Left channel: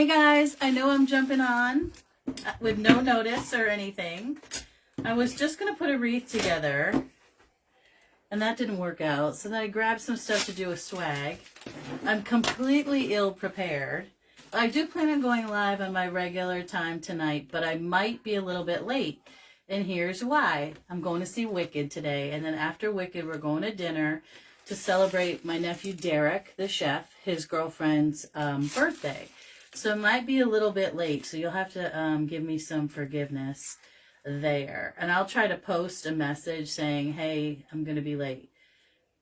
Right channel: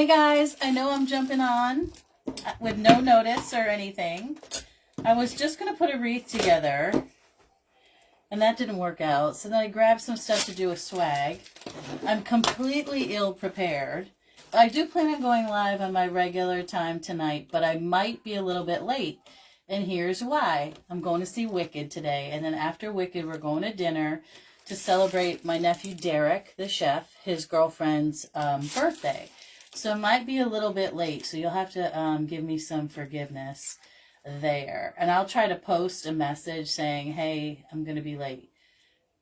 Hey guys, I know I'm jumping on with no notice or anything. I was just going to put a wreath together and that didn't work out. So then I grabbed some stuff to do a swag. I'm completely ill prepared. I do plan on going live on my regular time tonight, but I might be a little bit late. And here's why. I'm going to see Wicked today. And then after Wicked, we're going to dinner to celebrate my nephew Derek, the chef, his girlfriend's birthday. So it might be a little bit late. So you'll have to give me some forgiveness there. And I'll try to post a message saying, hey, I'm going to be late.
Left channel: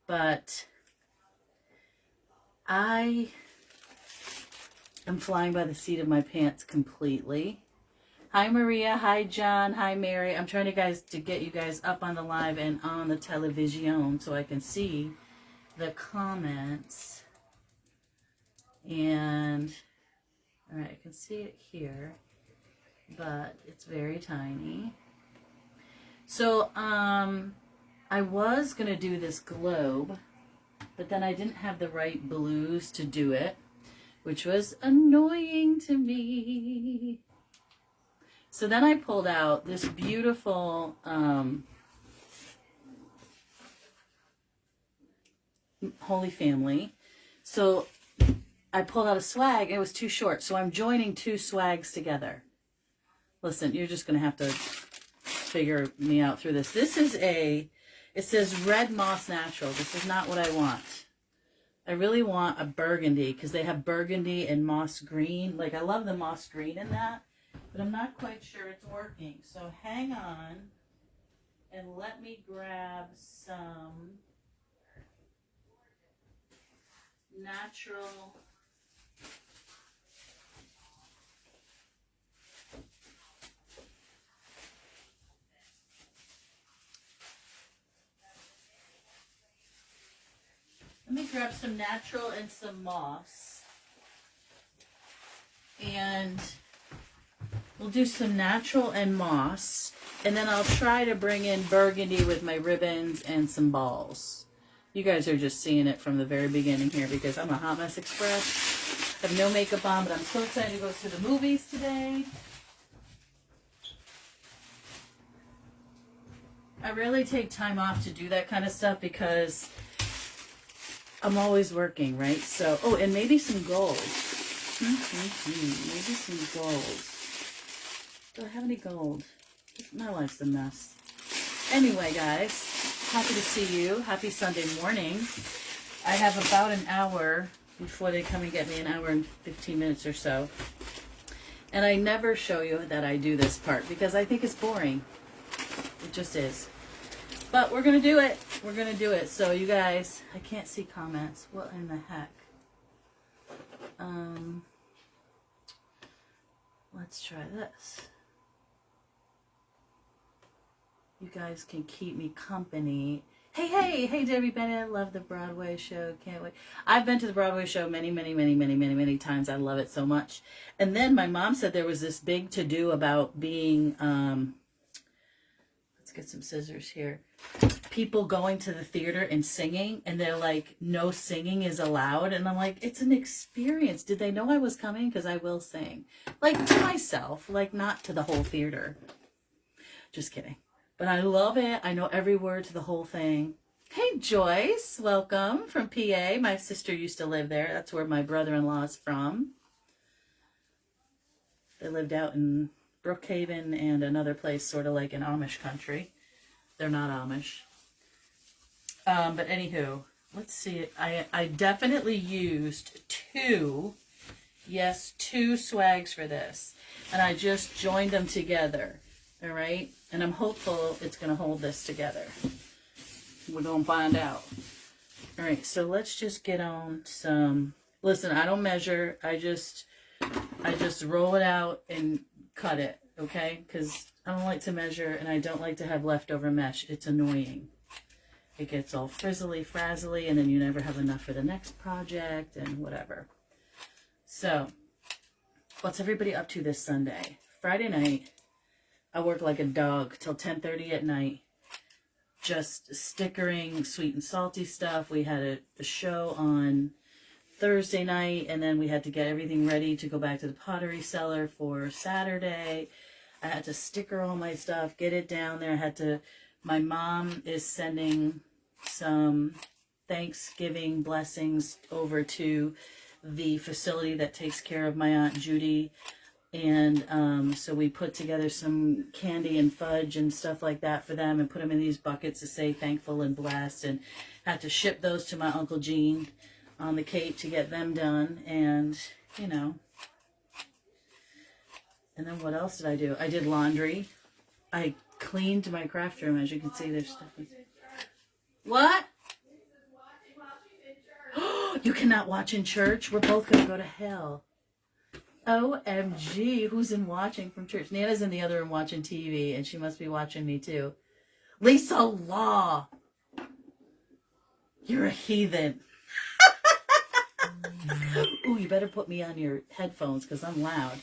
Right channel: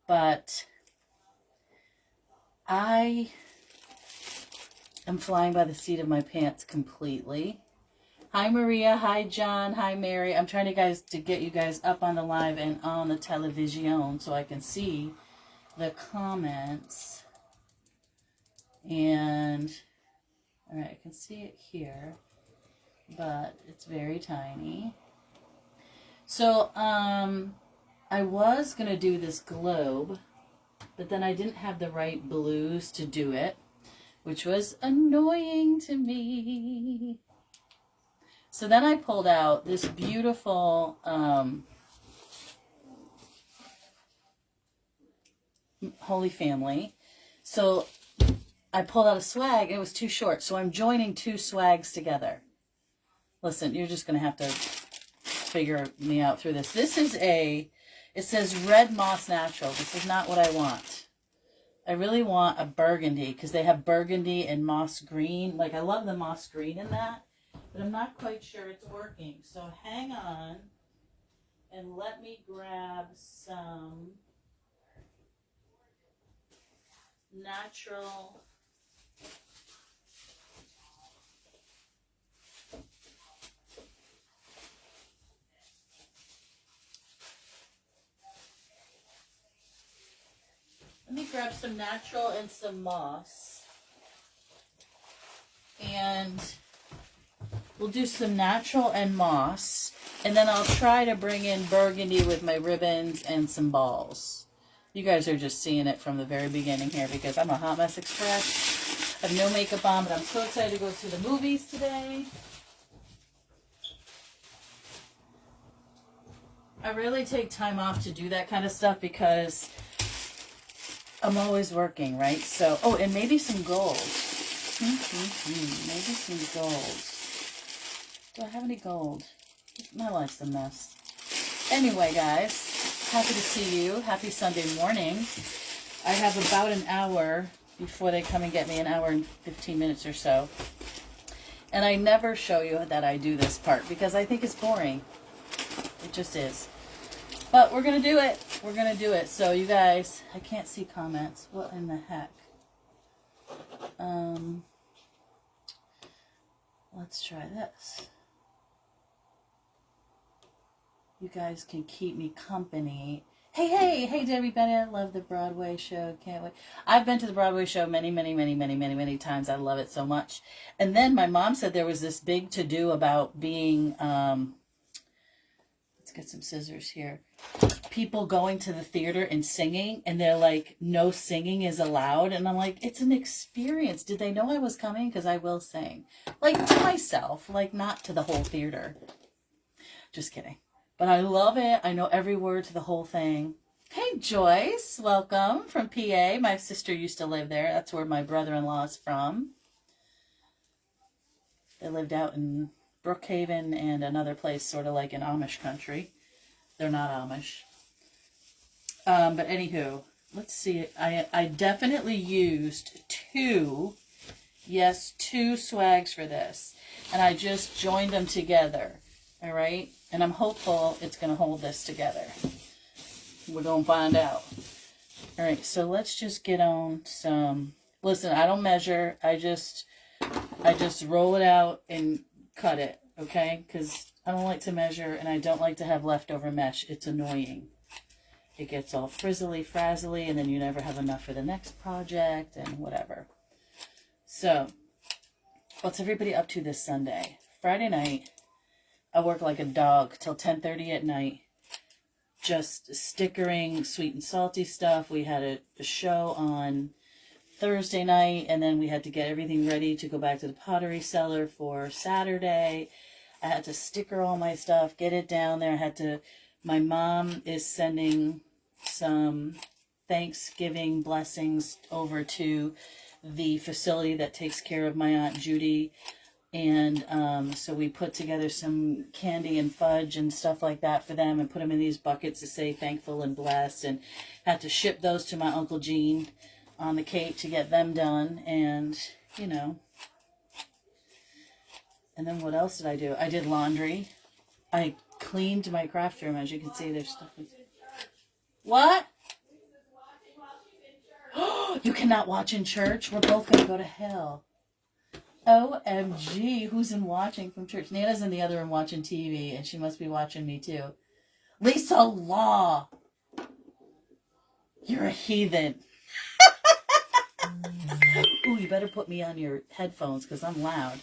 But I am flying by the seat of my pants completely. Hi, Maria. Hi, John. Hi, Mary. I'm trying to get you guys up on the live and on the television so I can see the comments. And, all right, I can see it here, but it's very tiny. So, I was going to do this globe, but then I didn't have the right blues to do it, which was annoying to me. So then I pulled out this beautiful Holy Family. So I pulled out a swag and it was too short. So I'm joining two swags together. Listen, you're just going to have to figure me out through this. This is it says Red Moss Natural. This is not what I want. I really want a burgundy because they have burgundy and moss green. Like, I love the moss green in that, but I'm not quite sure it's working. So hang on and let me grab some natural. Let me grab some natural and some moss. And we'll do some natural and moss. And then I'll try to bring in burgundy with my ribbons and some balls. You guys are just seeing it from the very beginning here because I'm a Hot Mess Express. I have no makeup on, but I'm so excited to go to the movies today. I really take time off to do that kind of stuff because I'm always working, right? So, oh, and maybe some gold. Maybe some gold. Do I have any gold? My life's a mess. Anyway, guys, happy to see you. Happy Sunday morning. I have about an hour before they come and get me, an hour and 15 minutes or so. And I never show you that I do this part because I think it's boring. It just is. But we're going to do it. We're going to do it. So, you guys, I can't see comments. What in the heck? Let's try this. You guys can keep me company. Hey, Debbie Bennett. I love the Broadway show. Can't wait. I've been to the Broadway show many times. I love it so much. And then my mom said there was this big to-do about being, let's get some scissors here. People going to the theater and singing, and they're like, no singing is allowed. And I'm like, it's an experience. Did they know I was coming? Because I will sing. Like, to myself, like, not to the whole theater. Just kidding. But I love it. I know every word to the whole thing. Hey, Joyce. Welcome from PA. My sister used to live there. That's where my brother-in-law is from. They lived out in Brookhaven and another place sort of like in Amish country. They're not Amish. But anywho, let's see. I definitely used two swags for this. And I just joined them together. All right? And I'm hopeful it's going to hold this together. We're going to find out. All right, so let's just get on some. Listen, I don't measure. I just roll it out and cut it, okay? Because I don't like to measure and I don't like to have leftover mesh. It's annoying. It gets all frazzly, and then you never have enough for the next project and whatever. So, what's everybody up to this Sunday? Friday night, I work like a dog till 10:30 at night. Just stickering sweet and salty stuff. We had a show on Thursday night, and then we had to get everything ready to go back to the pottery cellar for Saturday. I had to sticker all my stuff, get it down there. My mom is sending some Thanksgiving blessings over to the facility that takes care of my Aunt Judy. And so we put together some candy and fudge and stuff like that for them and put them in these buckets to say thankful and blessed, and had to ship those to my Uncle Gene on the Cape to get them done. And, you know, and then what else did I do? I did laundry. I cleaned my craft room. As you can see, there's stuff. What? You cannot watch in church? We're both going to go to hell. OMG, who's in watching from church? Nana's in the other room watching TV, and she must be watching me too. Lisa Law. You're a heathen. Ooh, you better put me on your headphones because I'm loud.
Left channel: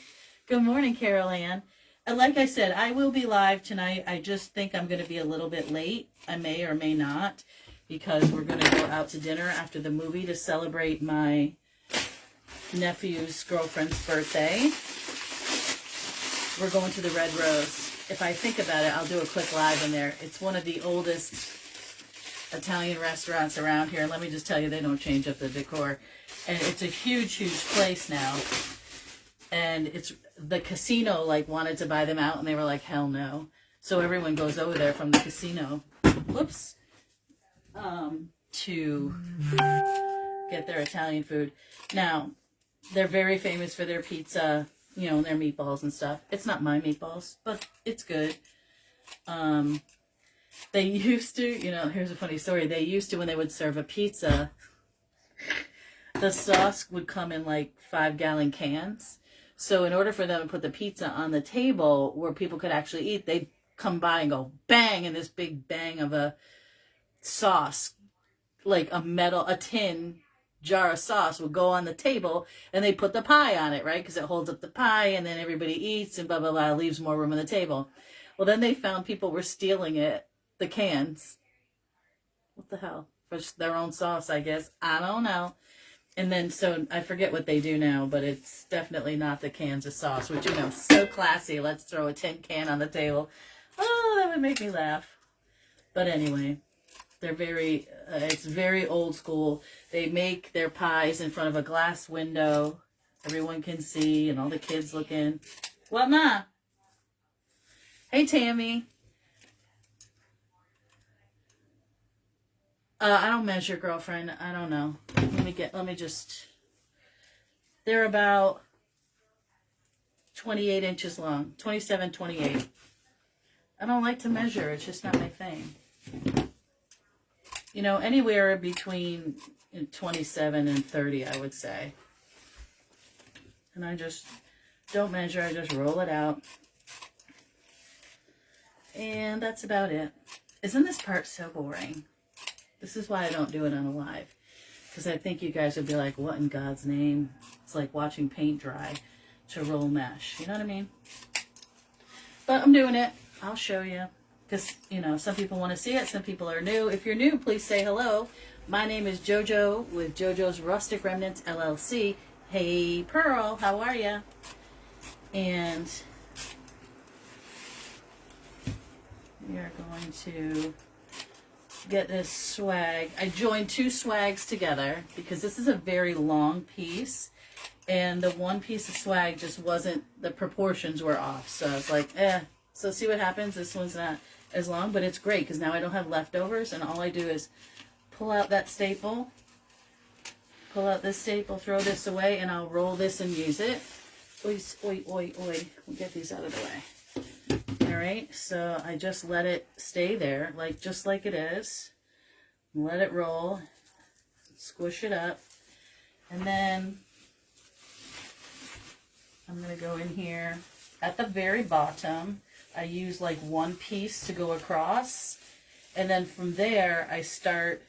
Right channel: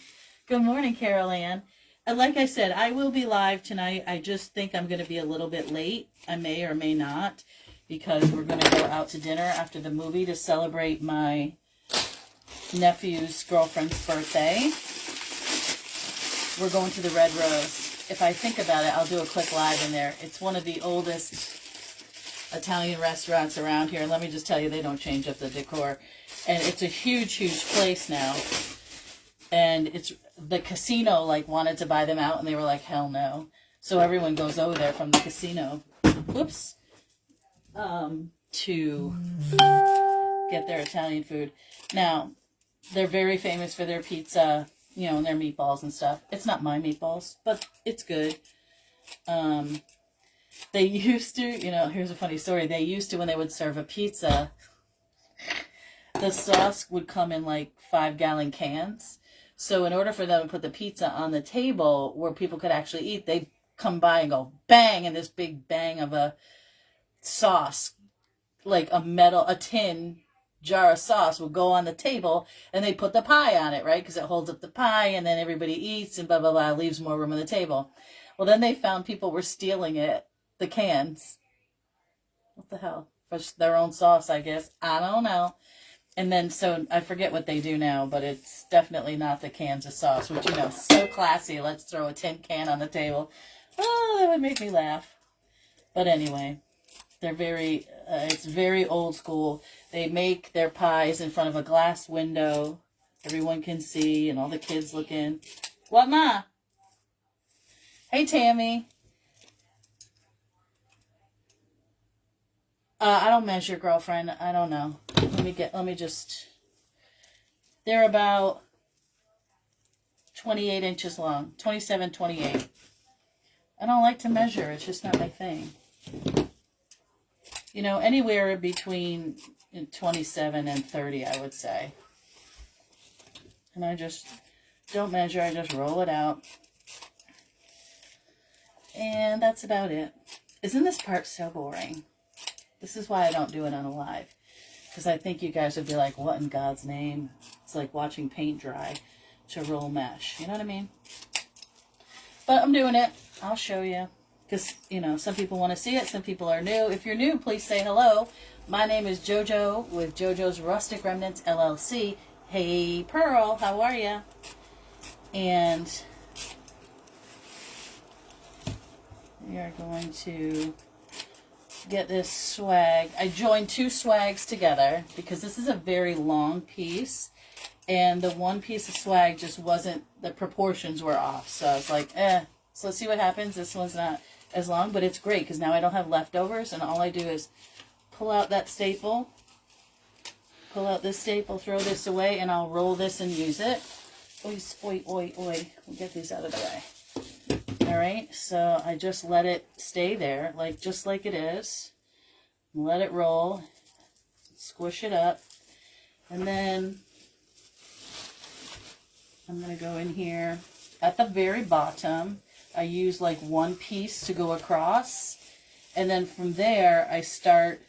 Good morning, Carol Ann. And like I said, I will be live tonight. I just think I'm going to be a little bit late. I may or may not, because we're going to go out to dinner after the movie to celebrate my nephew's girlfriend's birthday. We're going to the Red Rose. If I think about it, I'll do a quick live in there. It's one of the oldest Italian restaurants around here. And let me just tell you, they don't change up the decor. And it's a huge, huge place now. And it's the casino like wanted to buy them out, and they were like, hell no. So everyone goes over there from the casino, whoops, to get their Italian food. Now, they're very famous for their pizza, you know, and their meatballs and stuff. It's not my meatballs, but it's good. They used to, you know, here's a funny story. They used to, when they would serve a pizza, the sauce would come in like 5-gallon cans. So in order for them to put the pizza on the table where people could actually eat, they'd come by and go bang, and this big bang of a sauce, like a tin jar of sauce would go on the table, and they put the pie on it, right? Because it holds up the pie, and then everybody eats, and blah, blah, blah, leaves more room on the table. Well, then they found people were stealing the cans. What the hell? For their own sauce, I guess. I don't know. And then, so I forget what they do now, but it's definitely not the cans of sauce, which, you know, so classy. Let's throw a tin can on the table. Oh, that would make me laugh. But anyway, they're it's very old school. They make their pies in front of a glass window. Everyone can see, and all the kids looking. What, Ma? Hey, Tammy. I don't measure, girlfriend. I don't know. They're about 28 inches long. 27, 28. I don't like to measure. It's just not my thing. You know, anywhere between 27 and 30, I would say. And I just don't measure. I just roll it out. And that's about it. Isn't this part so boring? This is why I don't do it on a live. Because I think you guys would be like, what in God's name? It's like watching paint dry to roll mesh. You know what I mean? But I'm doing it. I'll show you. Because, you know, some people want to see it. Some people are new. If you're new, please say hello. My name is JoJo with JoJo's Rustic Remnants, LLC. Hey, Pearl. How are you? And we are going to get this swag. I joined 2 swags together because this is a very long piece. And the one piece of swag just wasn't, the proportions were off. So I was like, So see what happens? This one's not as long, but it's great because now I don't have leftovers, and all I do is pull out that staple, pull out this staple, throw this away, and I'll roll this and use it. Oi, oi, oi, oi. We'll get these out of the way. All right, so I just let it stay there, just like it is. Let it roll, squish it up, and then I'm going to go in here at the very bottom. I use like one piece to go across, and then from there I start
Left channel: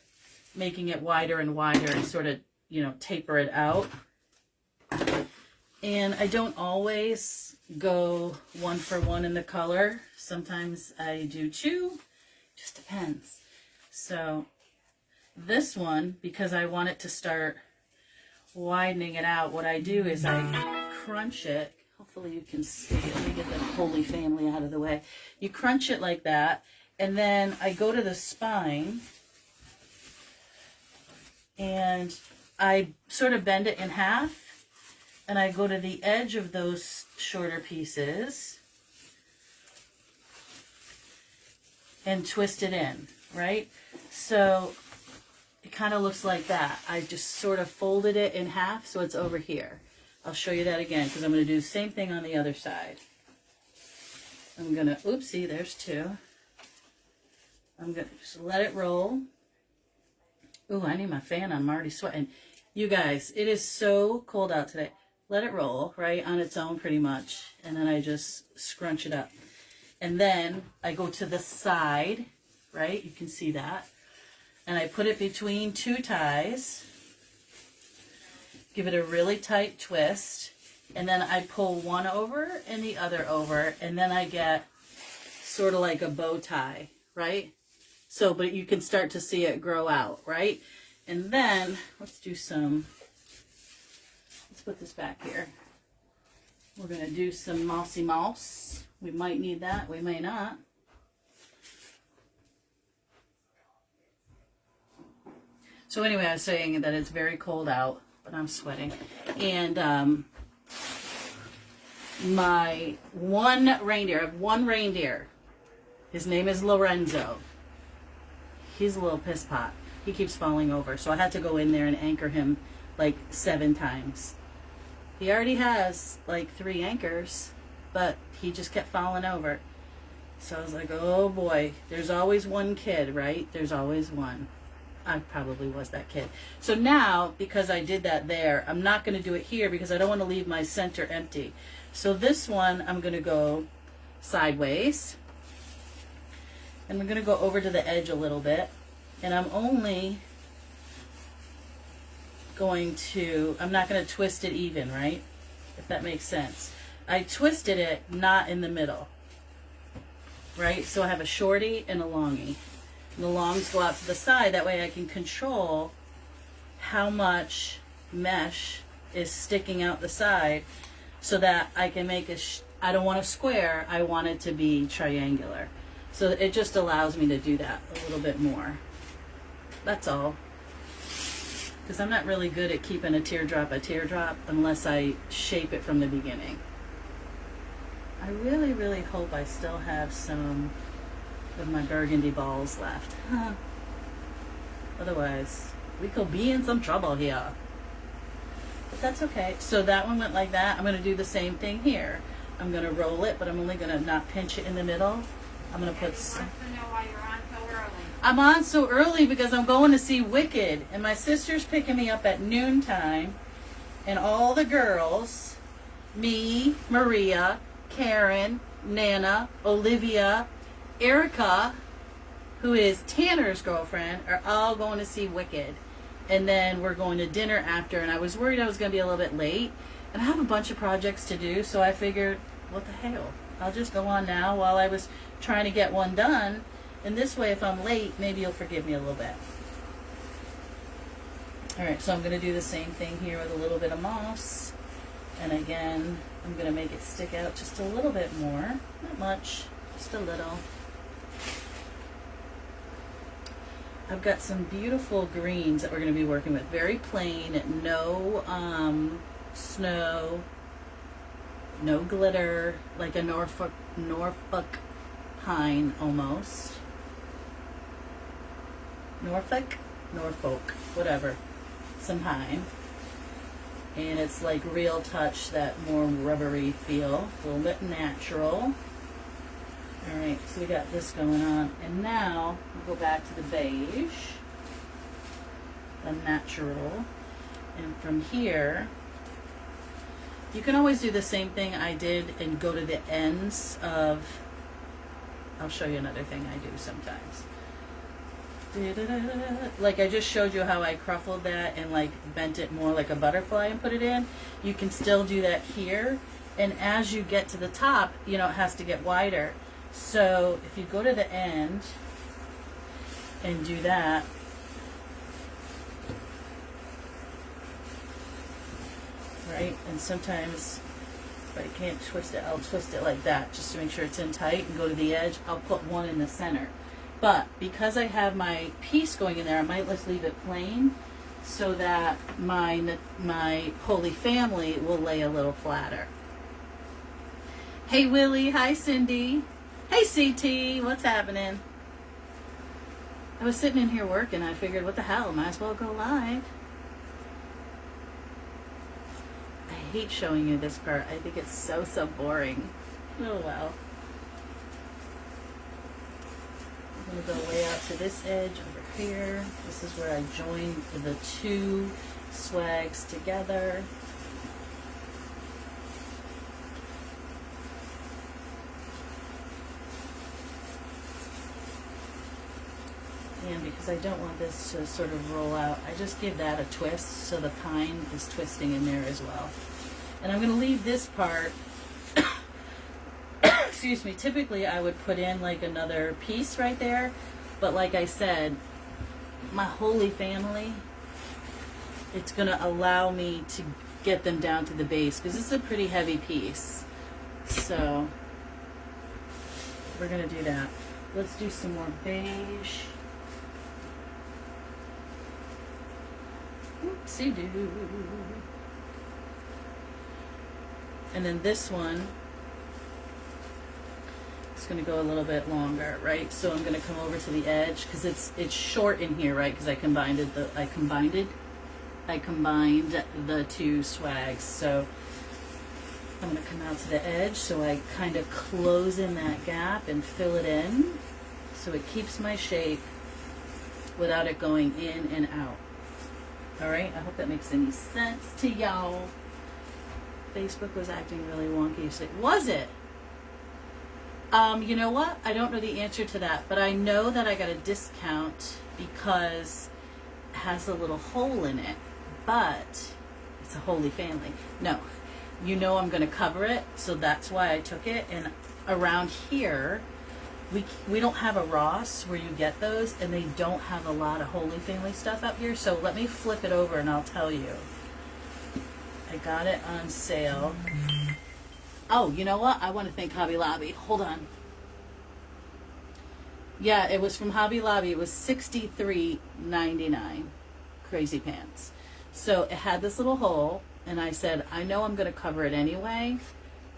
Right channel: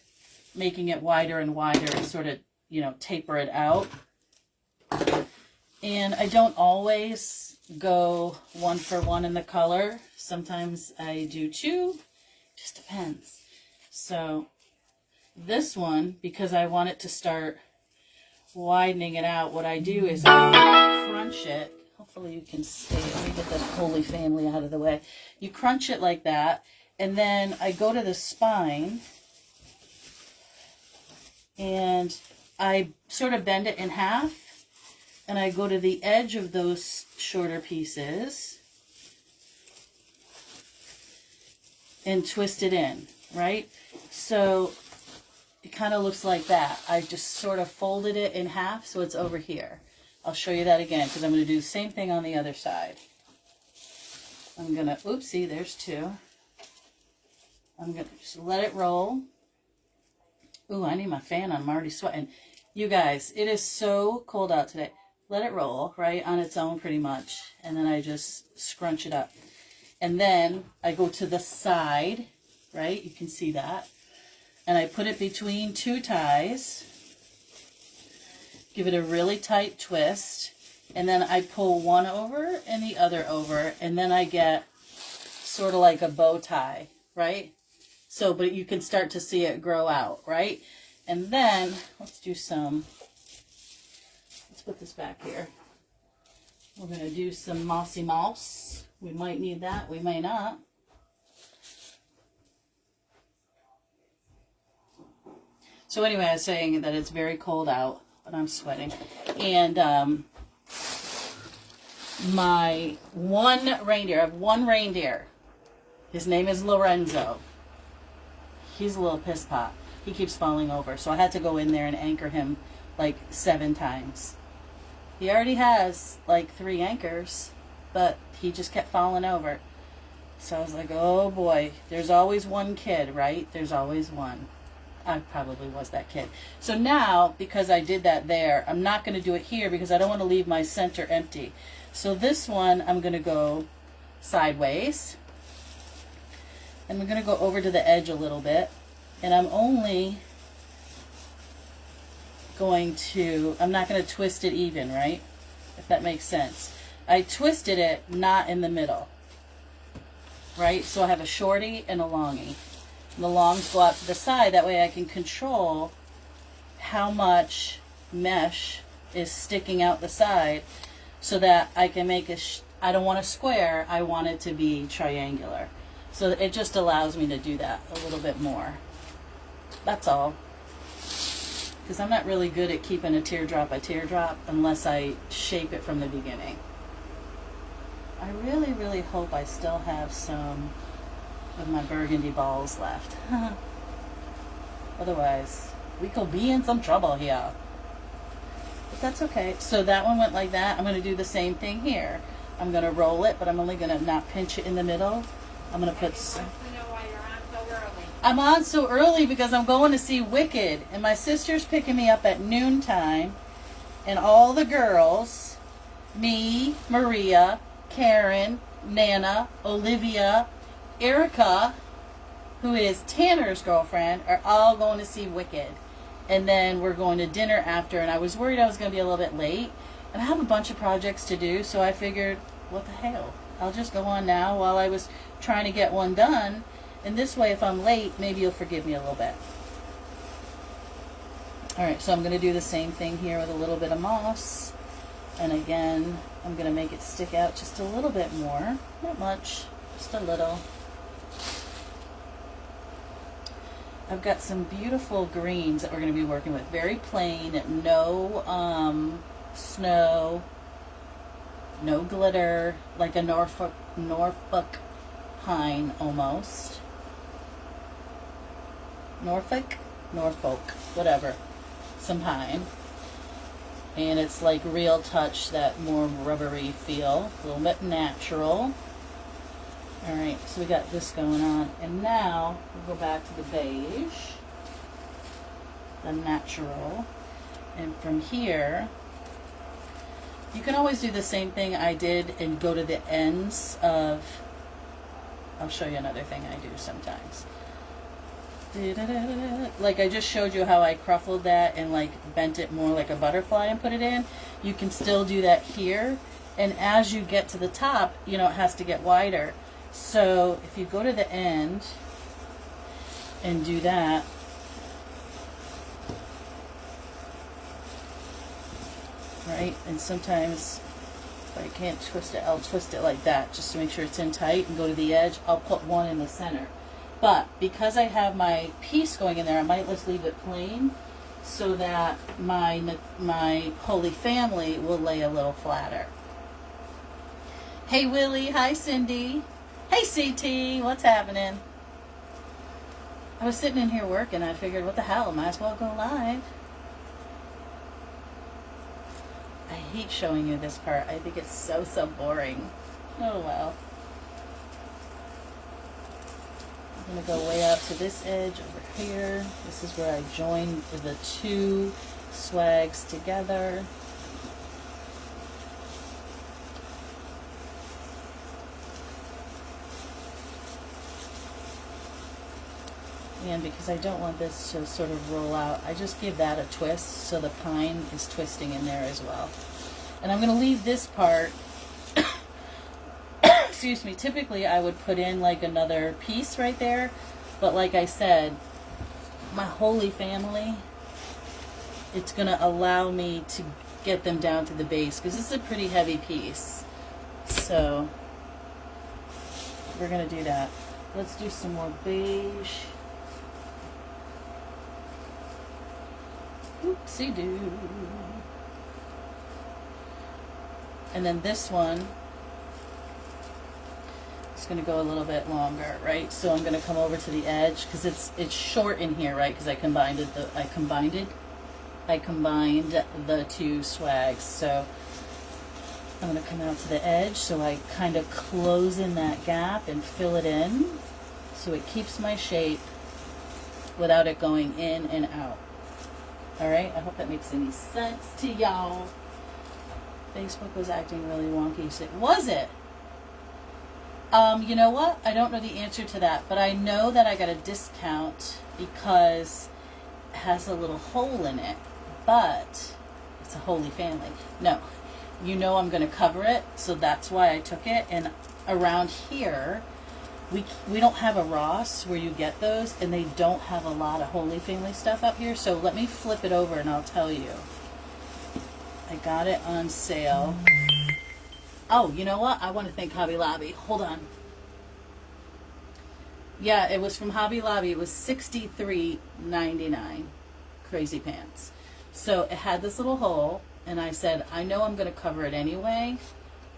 making it wider and wider and sort of, you know, taper it out. And I don't always go 1 for 1 in the color. Sometimes I do 2, just depends. So this one, because I want it to start widening it out, what I do is I crunch it. Hopefully you can see. Let me get the Holy Family out of the way. You crunch it like that, and then I go to the spine, and I sort of bend it in half, and I go to the edge of those shorter pieces and twist it in, right? So it kind of looks like that. I just sort of folded it in half so it's over here. I'll show you that again because I'm going to do the same thing on the other side. I'm going to, oopsie, there's two. I'm going to just let it roll. Ooh, I need my fan on. I'm already sweating. You guys, it is so cold out today. Let it roll, right, on its own pretty much. And then I just scrunch it up. And then I go to the side, right? You can see that. And I put it between two ties. Give it a really tight twist. And then I pull one over and the other over. And then I get sort of like a bow tie, right? So, but you can start to see it grow out, right? And then, let's put this back here. We're going to do some mossy moss. We might need that, we may not. So anyway, I was saying that it's very cold out, but I'm sweating. And my one reindeer, I have one reindeer. His name is Lorenzo. He's a little piss pot. He keeps falling over. So I had to go in there and anchor him like 7 times. He already has like 3 anchors, but he just kept falling over. So I was like, oh boy, there's always one kid, right? There's always one. I probably was that kid. So now, because I did that there, I'm not going to do it here because I don't want to leave my center empty. So this one, I'm going to go sideways. And we're going to go over to the edge a little bit. And I'm only going to, I'm not going to twist it even, right? If that makes sense. I twisted it not in the middle, right? So I have a shorty and a longie. And the longs go out to the side. That way I can control how much mesh is sticking out the side so that I can make it, I don't want a square, I want it to be triangular. So it just allows me to do that a little bit more. That's all. Because I'm not really good at keeping a teardrop unless I shape it from the beginning. I really, really hope I still have some of my burgundy balls left. Otherwise, we could be in some trouble here. But that's okay. So that one went like that. I'm going to do the same thing here. I'm going to roll it, but I'm only going to not pinch it in the middle. I'm going to put some... I'm on so early because I'm going to see Wicked, and my sister's picking me up at noontime, and all the girls, me, Maria, Karen, Nana, Olivia, Erica, who is Tanner's girlfriend, are all going to see Wicked. And then we're going to dinner after, and I was worried I was going to be a little bit late, and I have a bunch of projects to do, so I figured, what the hell? I'll just go on now while I was trying to get one done. And this way, if I'm late, maybe you'll forgive me a little bit. Alright, so I'm going to do the same thing here with a little bit of moss. And again, I'm going to make it stick out just a little bit more. Not much, just a little. I've got some beautiful greens that we're going to be working with. Very plain, no snow, no glitter, like a Norfolk pine almost. Norfolk, whatever, some pine. And it's like real touch, that more rubbery feel, a little bit natural. Alright, so we got this going on. And now we go back to the beige, the natural. And from here, you can always do the same thing I did and go to the ends of, I'll show you another thing I do sometimes. Like I just showed you how I cruffled that and like bent it more like a butterfly and put it in. You can still do that here. And as you get to the top, you know, it has to get wider. So if you go to the end and do that, right? And sometimes if I can't twist it, I'll twist it like that just to make sure it's in tight and go to the edge. I'll put one in the center. But because I have my piece going in there, I might just leave it plain so that my Holy Family will lay a little flatter. Hey Willie, hi Cindy. Hey CT, what's happening? I was sitting in here working. I figured, what the hell, might as well go live. I hate showing you this part. I think it's so boring. Oh well. I'm going to go way out to this edge over here. This is where I join the two swags together. And because I don't want this to sort of roll out, I just give that a twist so the pine is twisting in there as well. And I'm going to leave this part, excuse me, typically I would put in like another piece right there, but like I said, my Holy Family, it's going to allow me to get them down to the base because this is a pretty heavy piece. So we're going to do that. Let's do some more beige. Oopsie-doo. And then this one is going to go a little bit longer, right? So I'm going to come over to the edge because it's short in here, right? Because I combined the two swags. So I'm going to come out to the edge so I kind of close in that gap and fill it in so it keeps my shape without it going in and out. All right, I hope that makes any sense to y'all. Facebook was acting really wonky. So was it? You know what? I don't know the answer to that, but I know that I got a discount because it has a little hole in it, but it's a Holy Family. No, you know I'm going to cover it, so that's why I took it. And around here, we don't have a Ross where you get those, and they don't have a lot of Holy Family stuff up here. So let me flip it over and I'll tell you. I got it on sale. Oh, you know what? I want to thank Hobby Lobby. Hold on. Yeah, it was from Hobby Lobby. It was $63.99. Crazy pants. So it had this little hole, and I said, I know I'm going to cover it anyway.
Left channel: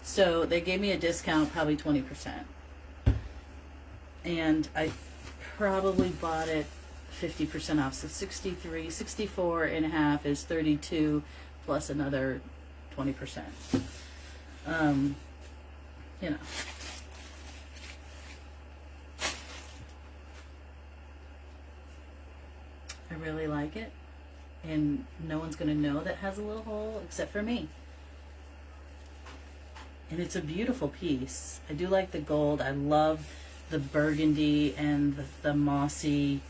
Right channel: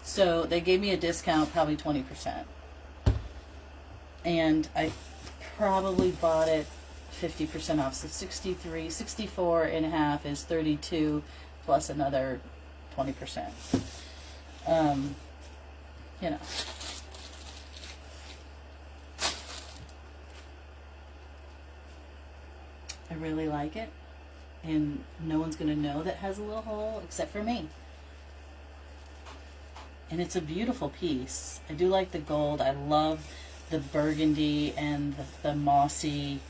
So they gave me a discount, probably 20%. And I probably bought it 50% off. So 64 and a half is 32 plus another 20%. You know. I really like it. And no one's going to know that it has a little hole except for me. And it's a beautiful piece. I do like the gold. I love the burgundy and the mossy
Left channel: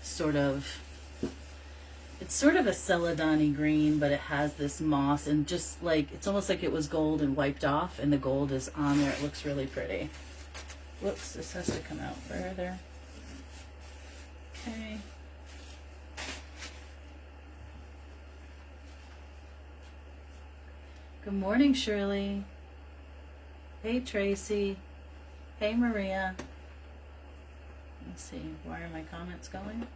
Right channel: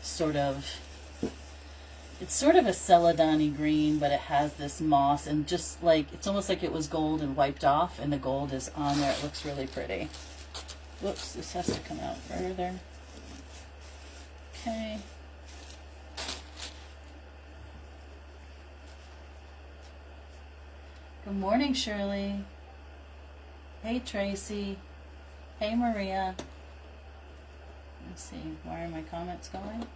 sort of, it's sort of a celadoni green, but it has this moss and just like, it's almost like it was gold and wiped off and the gold is on there. It looks really pretty. Whoops, this has to come out further. Okay. Good morning, Shirley. Hey, Tracy. Hey, Maria. Let's see, where are my comments going?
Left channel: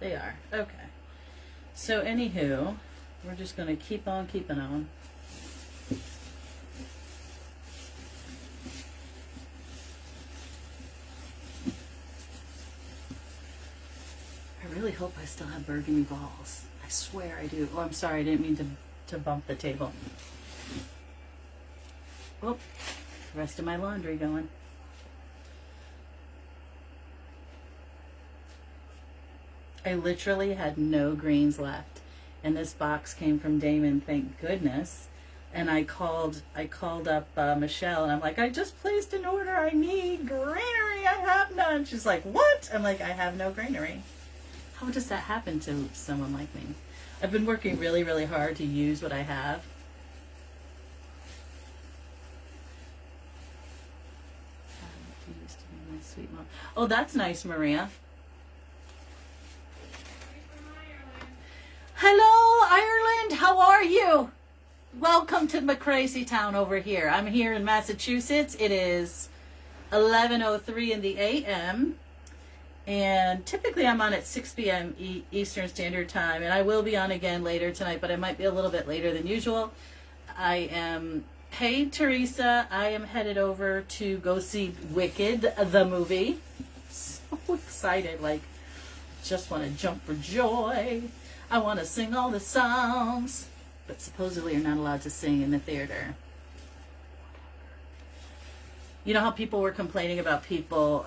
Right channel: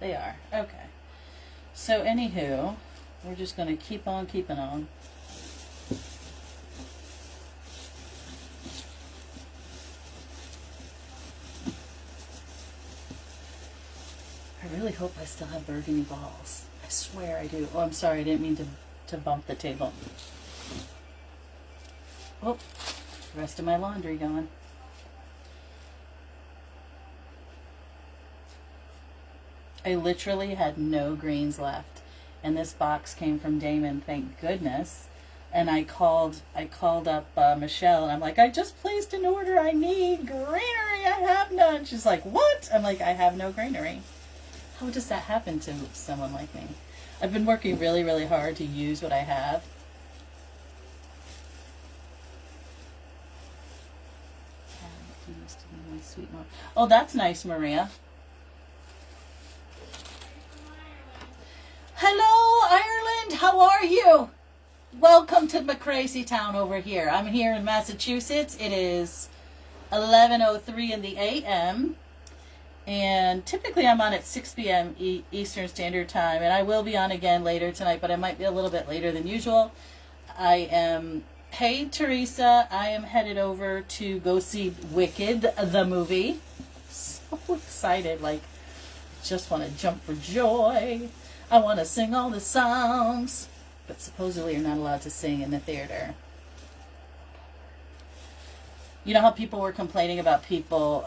They are. Okay. So, anywho, we're just going to keep on keeping on. I really hope I still have burgundy balls. I swear I do. Oh, I'm sorry. I didn't mean to bump the table. Whoop. Rest of my laundry going. I literally had no greens left. And this box came from Damon, thank goodness. And I called up Michelle, and I'm like, I just placed an order. I need greenery. I have none. She's like, what? I'm like, I have no greenery. How does that happen to someone like me? I've been working really, really hard to use what I have. Used to be my sweet mom. Oh, that's nice, Maria. Hello, Ireland, how are you? Welcome to my crazy town over here. I'm here in Massachusetts. It is 11:03 in the a.m. and typically I'm on at 6 p.m. Eastern Standard Time, and I will be on again later tonight, but I might be a little bit later than usual. Hey Teresa, I am headed over to go see Wicked, the movie. So excited, like, just want to jump for joy. I want to sing all the songs, but supposedly you're not allowed to sing in the theater. You know how people were complaining about people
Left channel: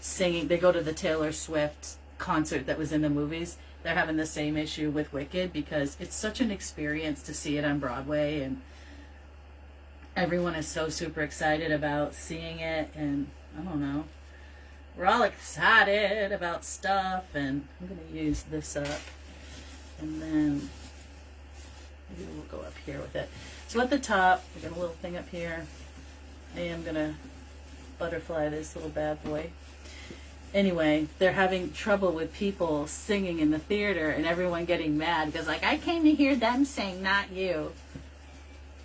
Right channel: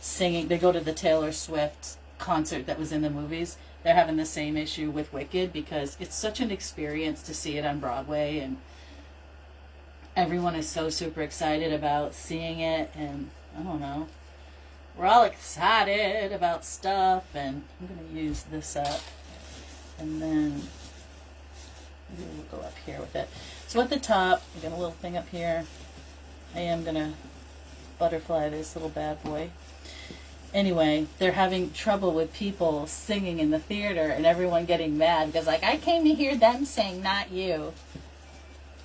singing, they go to the Taylor Swift concert that was in the movies. They're having the same issue with Wicked because it's such an experience to see it on Broadway, and everyone is so super excited about seeing it, and I don't know. We're all excited about stuff, and I'm going to use this up, and then maybe we'll go up here with it. So at the top, we got a little thing up here. I am going to butterfly this little bad boy. Anyway, they're having trouble with people singing in the theater and everyone getting mad because, like, I came to hear them sing, not you.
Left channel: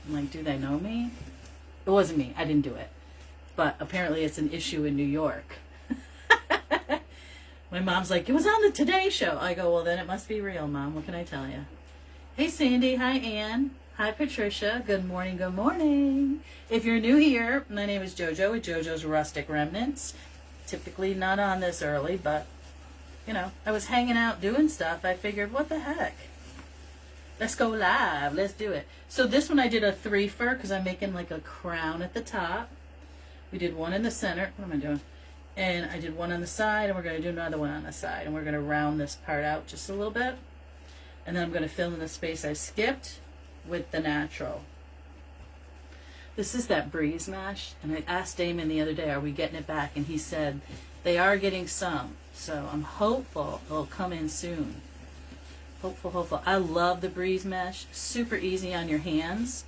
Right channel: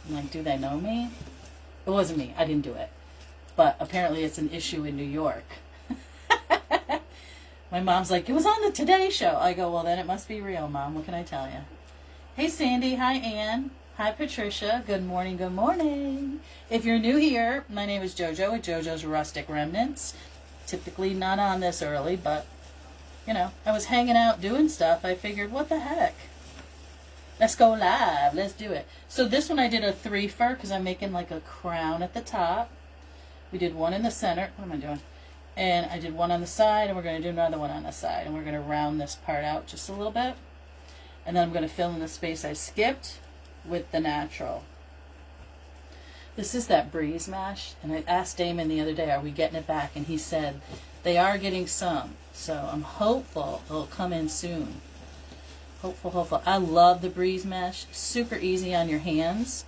I'm like, do they know me? It wasn't me. I didn't do it. But apparently it's an issue in New York. My mom's like, it was on the Today Show. I go, well, then it must be real, Mom. What can I tell you? Hey, Sandy. Hi, Ann. Hi, Patricia. Good morning. Good morning. If you're new here, my name is JoJo with JoJo's Rustic Remnants. Typically not on this early, but, you know, I was hanging out doing stuff. I figured, what the heck? Let's go live. Let's do it. So this one I did a three-fer because I'm making like a crown at the top. We did one in the center. What am I doing? And I did one on the side, and we're going to do another one on the side. And we're going to round this part out just a little bit. And then I'm going to fill in the space I skipped with the natural. This is that breeze mash. And I asked Damon the other day, are we getting it back? And he said they are getting some. So I'm hopeful it'll come in soon. Hopeful. I love the breeze mesh. Super easy on your hands.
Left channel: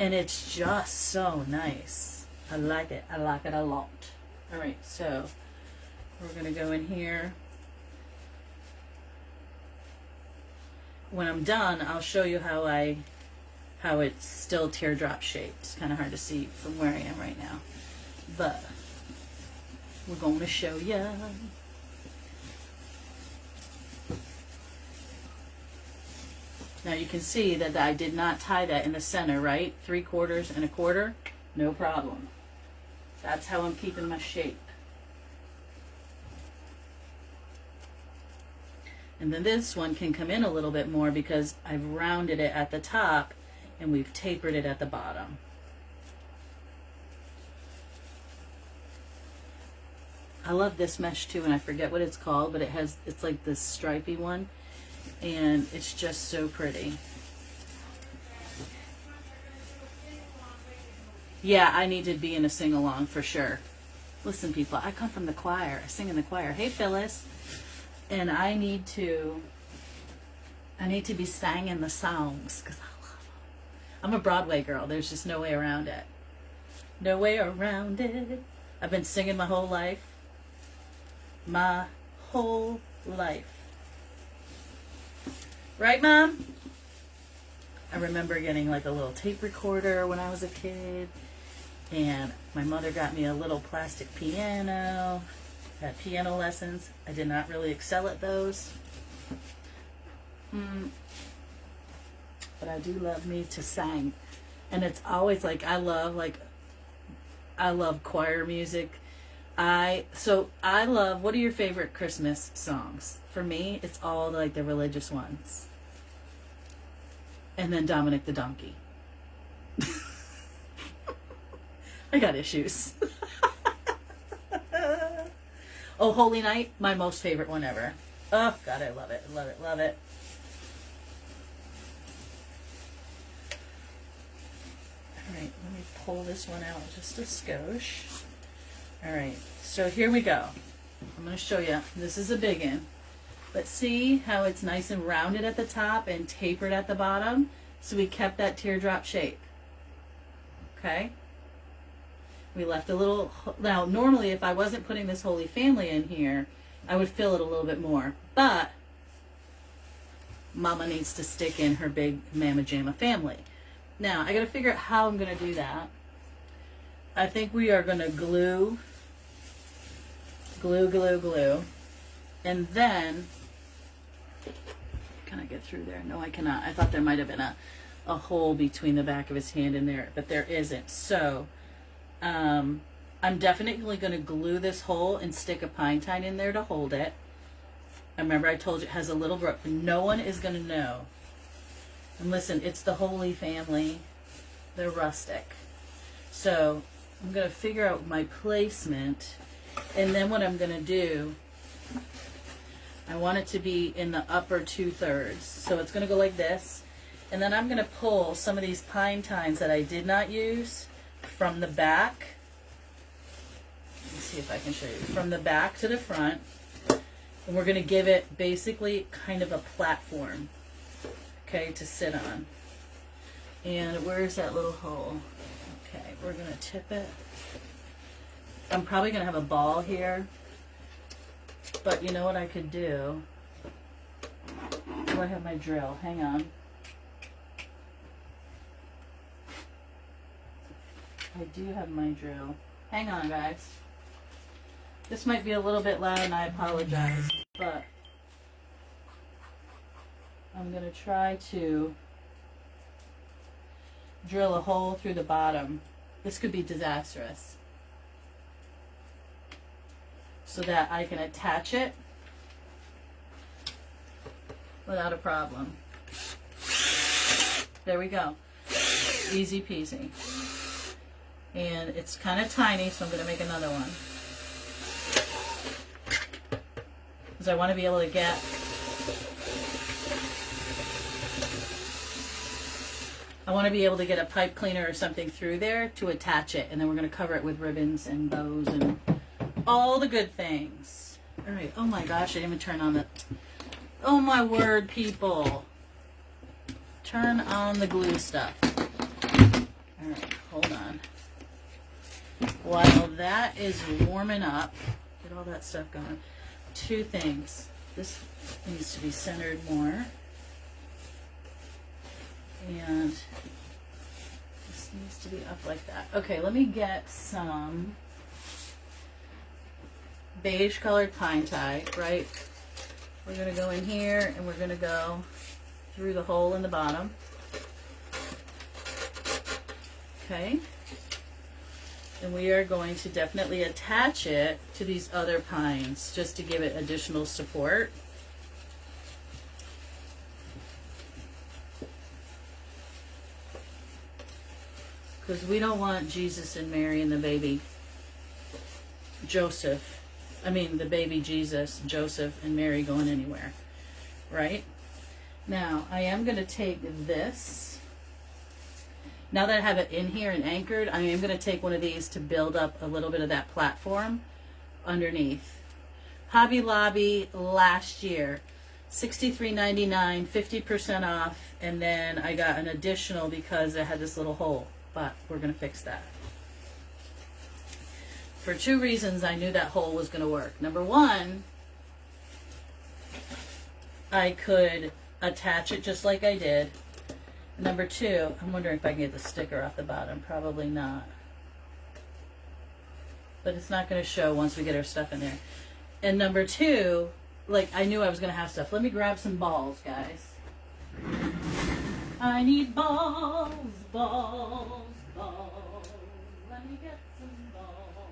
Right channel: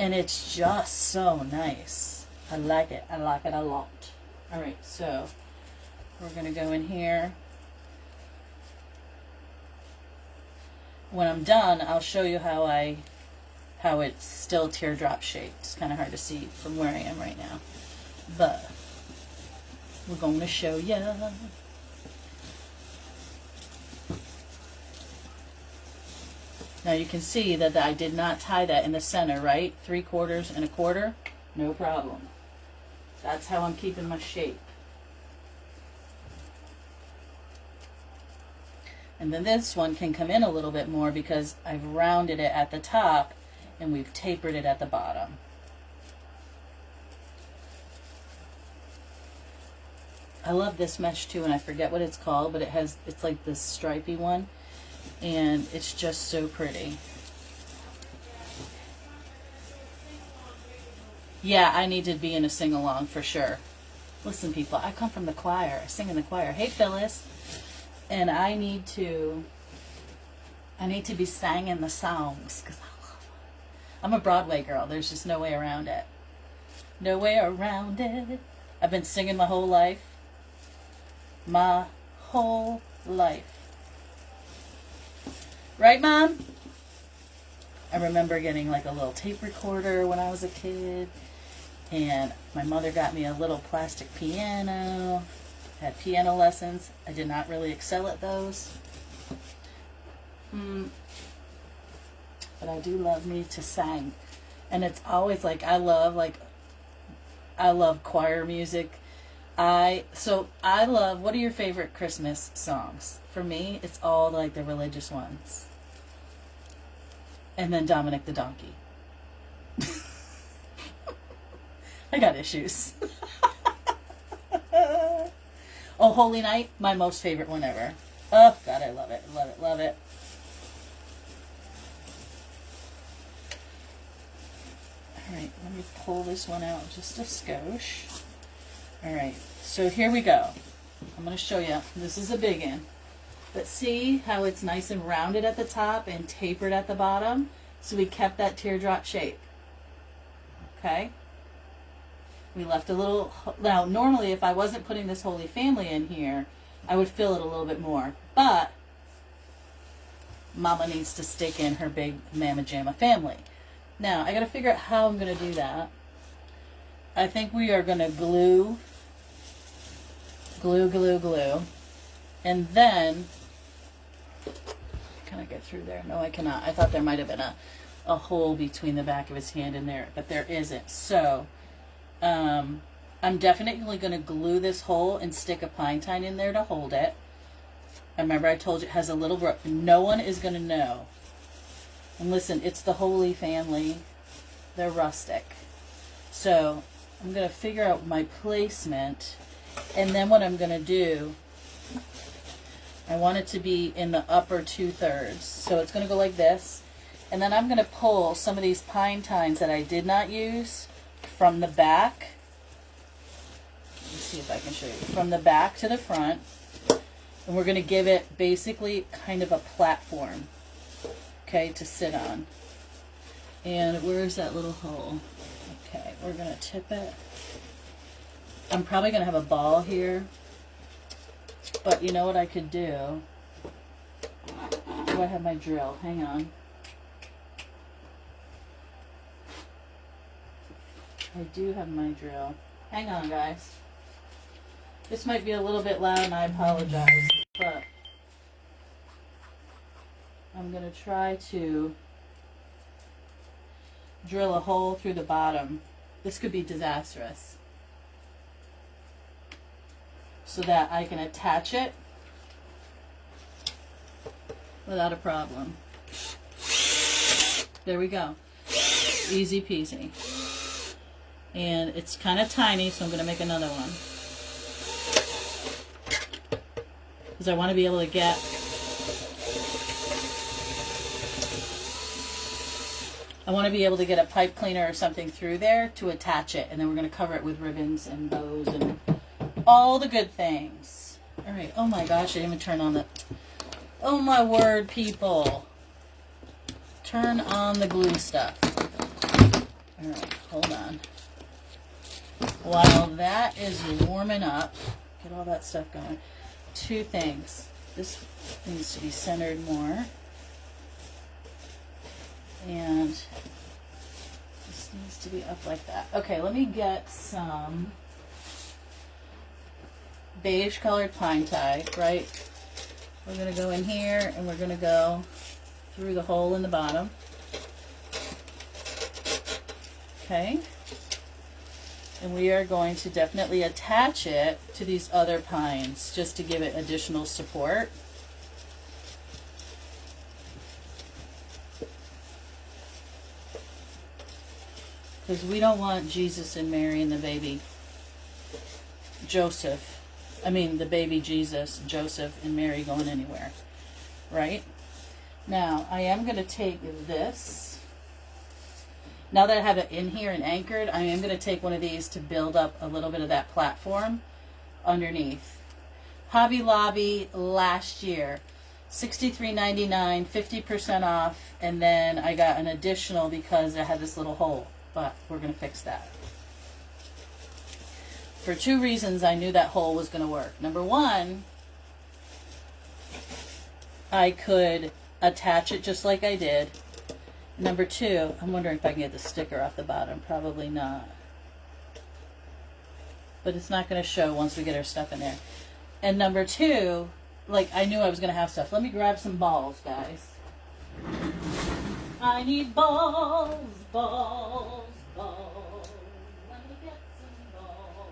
And it's just so nice. I like it. I like it a lot. Alright, so we're going to go in here. When I'm done, I'll show you how it's still teardrop shaped. It's kind of hard to see from where I am right now. But we're going to show you. Now you can see that I did not tie that in the center, right? 3/4 and 1/4, no problem. That's how I'm keeping my shape. And then this one can come in a little bit more because I've rounded it at the top and we've tapered it at the bottom. I love this mesh too, and I forget what it's called, but it's like this stripy one. And it's just so pretty. Yeah, I need to be in a sing-along for sure. Listen, people, I come from the choir. I sing in the choir. Hey, Phyllis. And I need to be singing the songs because I love them. I'm a Broadway girl. There's just no way around it. No way around it. I've been singing my whole life. My whole life. Right, Mom? I remember getting like a little tape recorder when I was a kid. And my mother got me a little plastic piano. Had piano lessons. I did not really excel at those. But I do love me to sing. And it's always like, I love choir music. I love, what are your favorite Christmas songs? For me, it's all like the religious ones. And then Dominic the Donkey. I got issues. Oh, Holy Night, my most favorite one ever. Oh, God, I love it, love it, love it. All right, let me pull this one out just a skosh. All right, so here we go. I'm going to show you. This is a big one. But see how it's nice and rounded at the top and tapered at the bottom? So we kept that teardrop shape. Okay? We left a little, now normally if I wasn't putting this Holy Family in here, I would fill it a little bit more. But Mama needs to stick in her big Mama Jamma family. Now, I got to figure out how I'm going to do that. I think we are going to glue. And then, can I get through there? No, I cannot. I thought there might have been a hole between the back of his hand and there, but there isn't. So, I'm definitely going to glue this hole and stick a pine tine in there to hold it. Remember, I told you it has a little brook. No one is going to know. And listen, it's the Holy Family. They're rustic. So I'm going to figure out my placement. And then what I'm going to do, I want it to be in the upper 2/3. So it's going to go like this. And then I'm going to pull some of these pine tines that I did not use from the back. Let me see if I can show you. From the back to the front. And we're going to give it basically kind of a platform, okay, to sit on. And where's that little hole? Okay, we're going to tip it. I'm probably going to have a ball here. But you know what I could do? Do I have my drill? Hang on. I do have my drill. Hang on, guys. This might be a little bit loud and I apologize, but I'm going to try to drill a hole through the bottom. This could be disastrous. So that I can attach it without a problem. There we go. Easy peasy. And it's kind of tiny, so I'm going to make another one. Because I want to be able to get a pipe cleaner or something through there to attach it, and then we're going to cover it with ribbons and bows and all the good things. All right. Oh my gosh, I didn't even turn on the. Oh my word, people! Turn on the glue stuff. All right, hold on. While that is warming up, get all that stuff going. Two things. This needs to be centered more. And this needs to be up like that. Okay, let me get some beige colored pine tie, right? We're going to go in here and we're going to go through the hole in the bottom. Okay. And we are going to definitely attach it to these other pines just to give it additional support. Because we don't want Jesus and Mary and the baby Joseph, the baby Jesus, Joseph, and Mary going anywhere, right? Now, I am going to take this. Now that I have it in here and anchored, I am going to take one of these to build up a little bit of that platform underneath. Hobby Lobby last year, $63.99, 50% off, and then I got an additional because it had this little hole, but we're going to fix that. For two reasons I knew that hole was going to work. Number one, I could attach it just like I did. Number two, I'm wondering if I can get the sticker off the bottom. Probably not. But it's not going to show once we get our stuff in there. And number two, I knew I was going to have stuff. Let me grab some balls, guys. I need balls, balls, balls. Let me get some balls.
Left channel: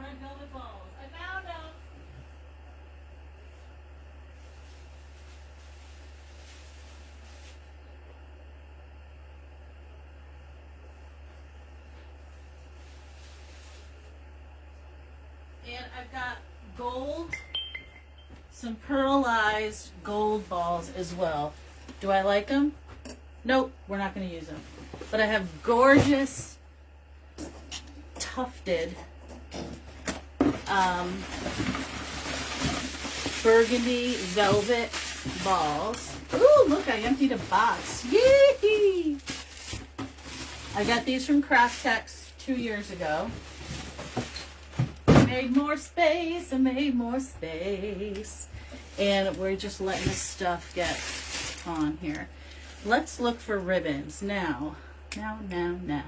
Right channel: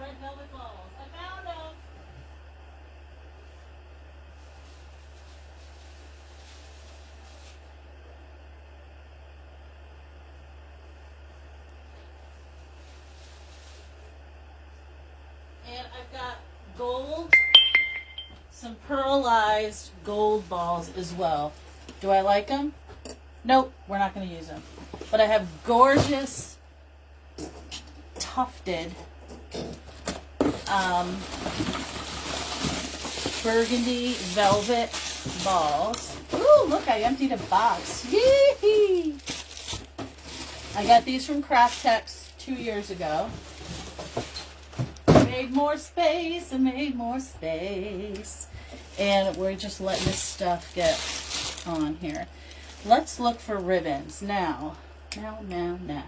Red velvet balls. I found them. And I've got gold, some pearlized gold balls as well. Do I like them? Nope, we're not going to use them. But I have gorgeous tufted burgundy velvet balls. Ooh, look, I emptied a box. Yee! I got these from Craft Tex 2 years ago. I made more space, I made more space. And we're just letting this stuff get on here. Let's look for ribbons now. Now.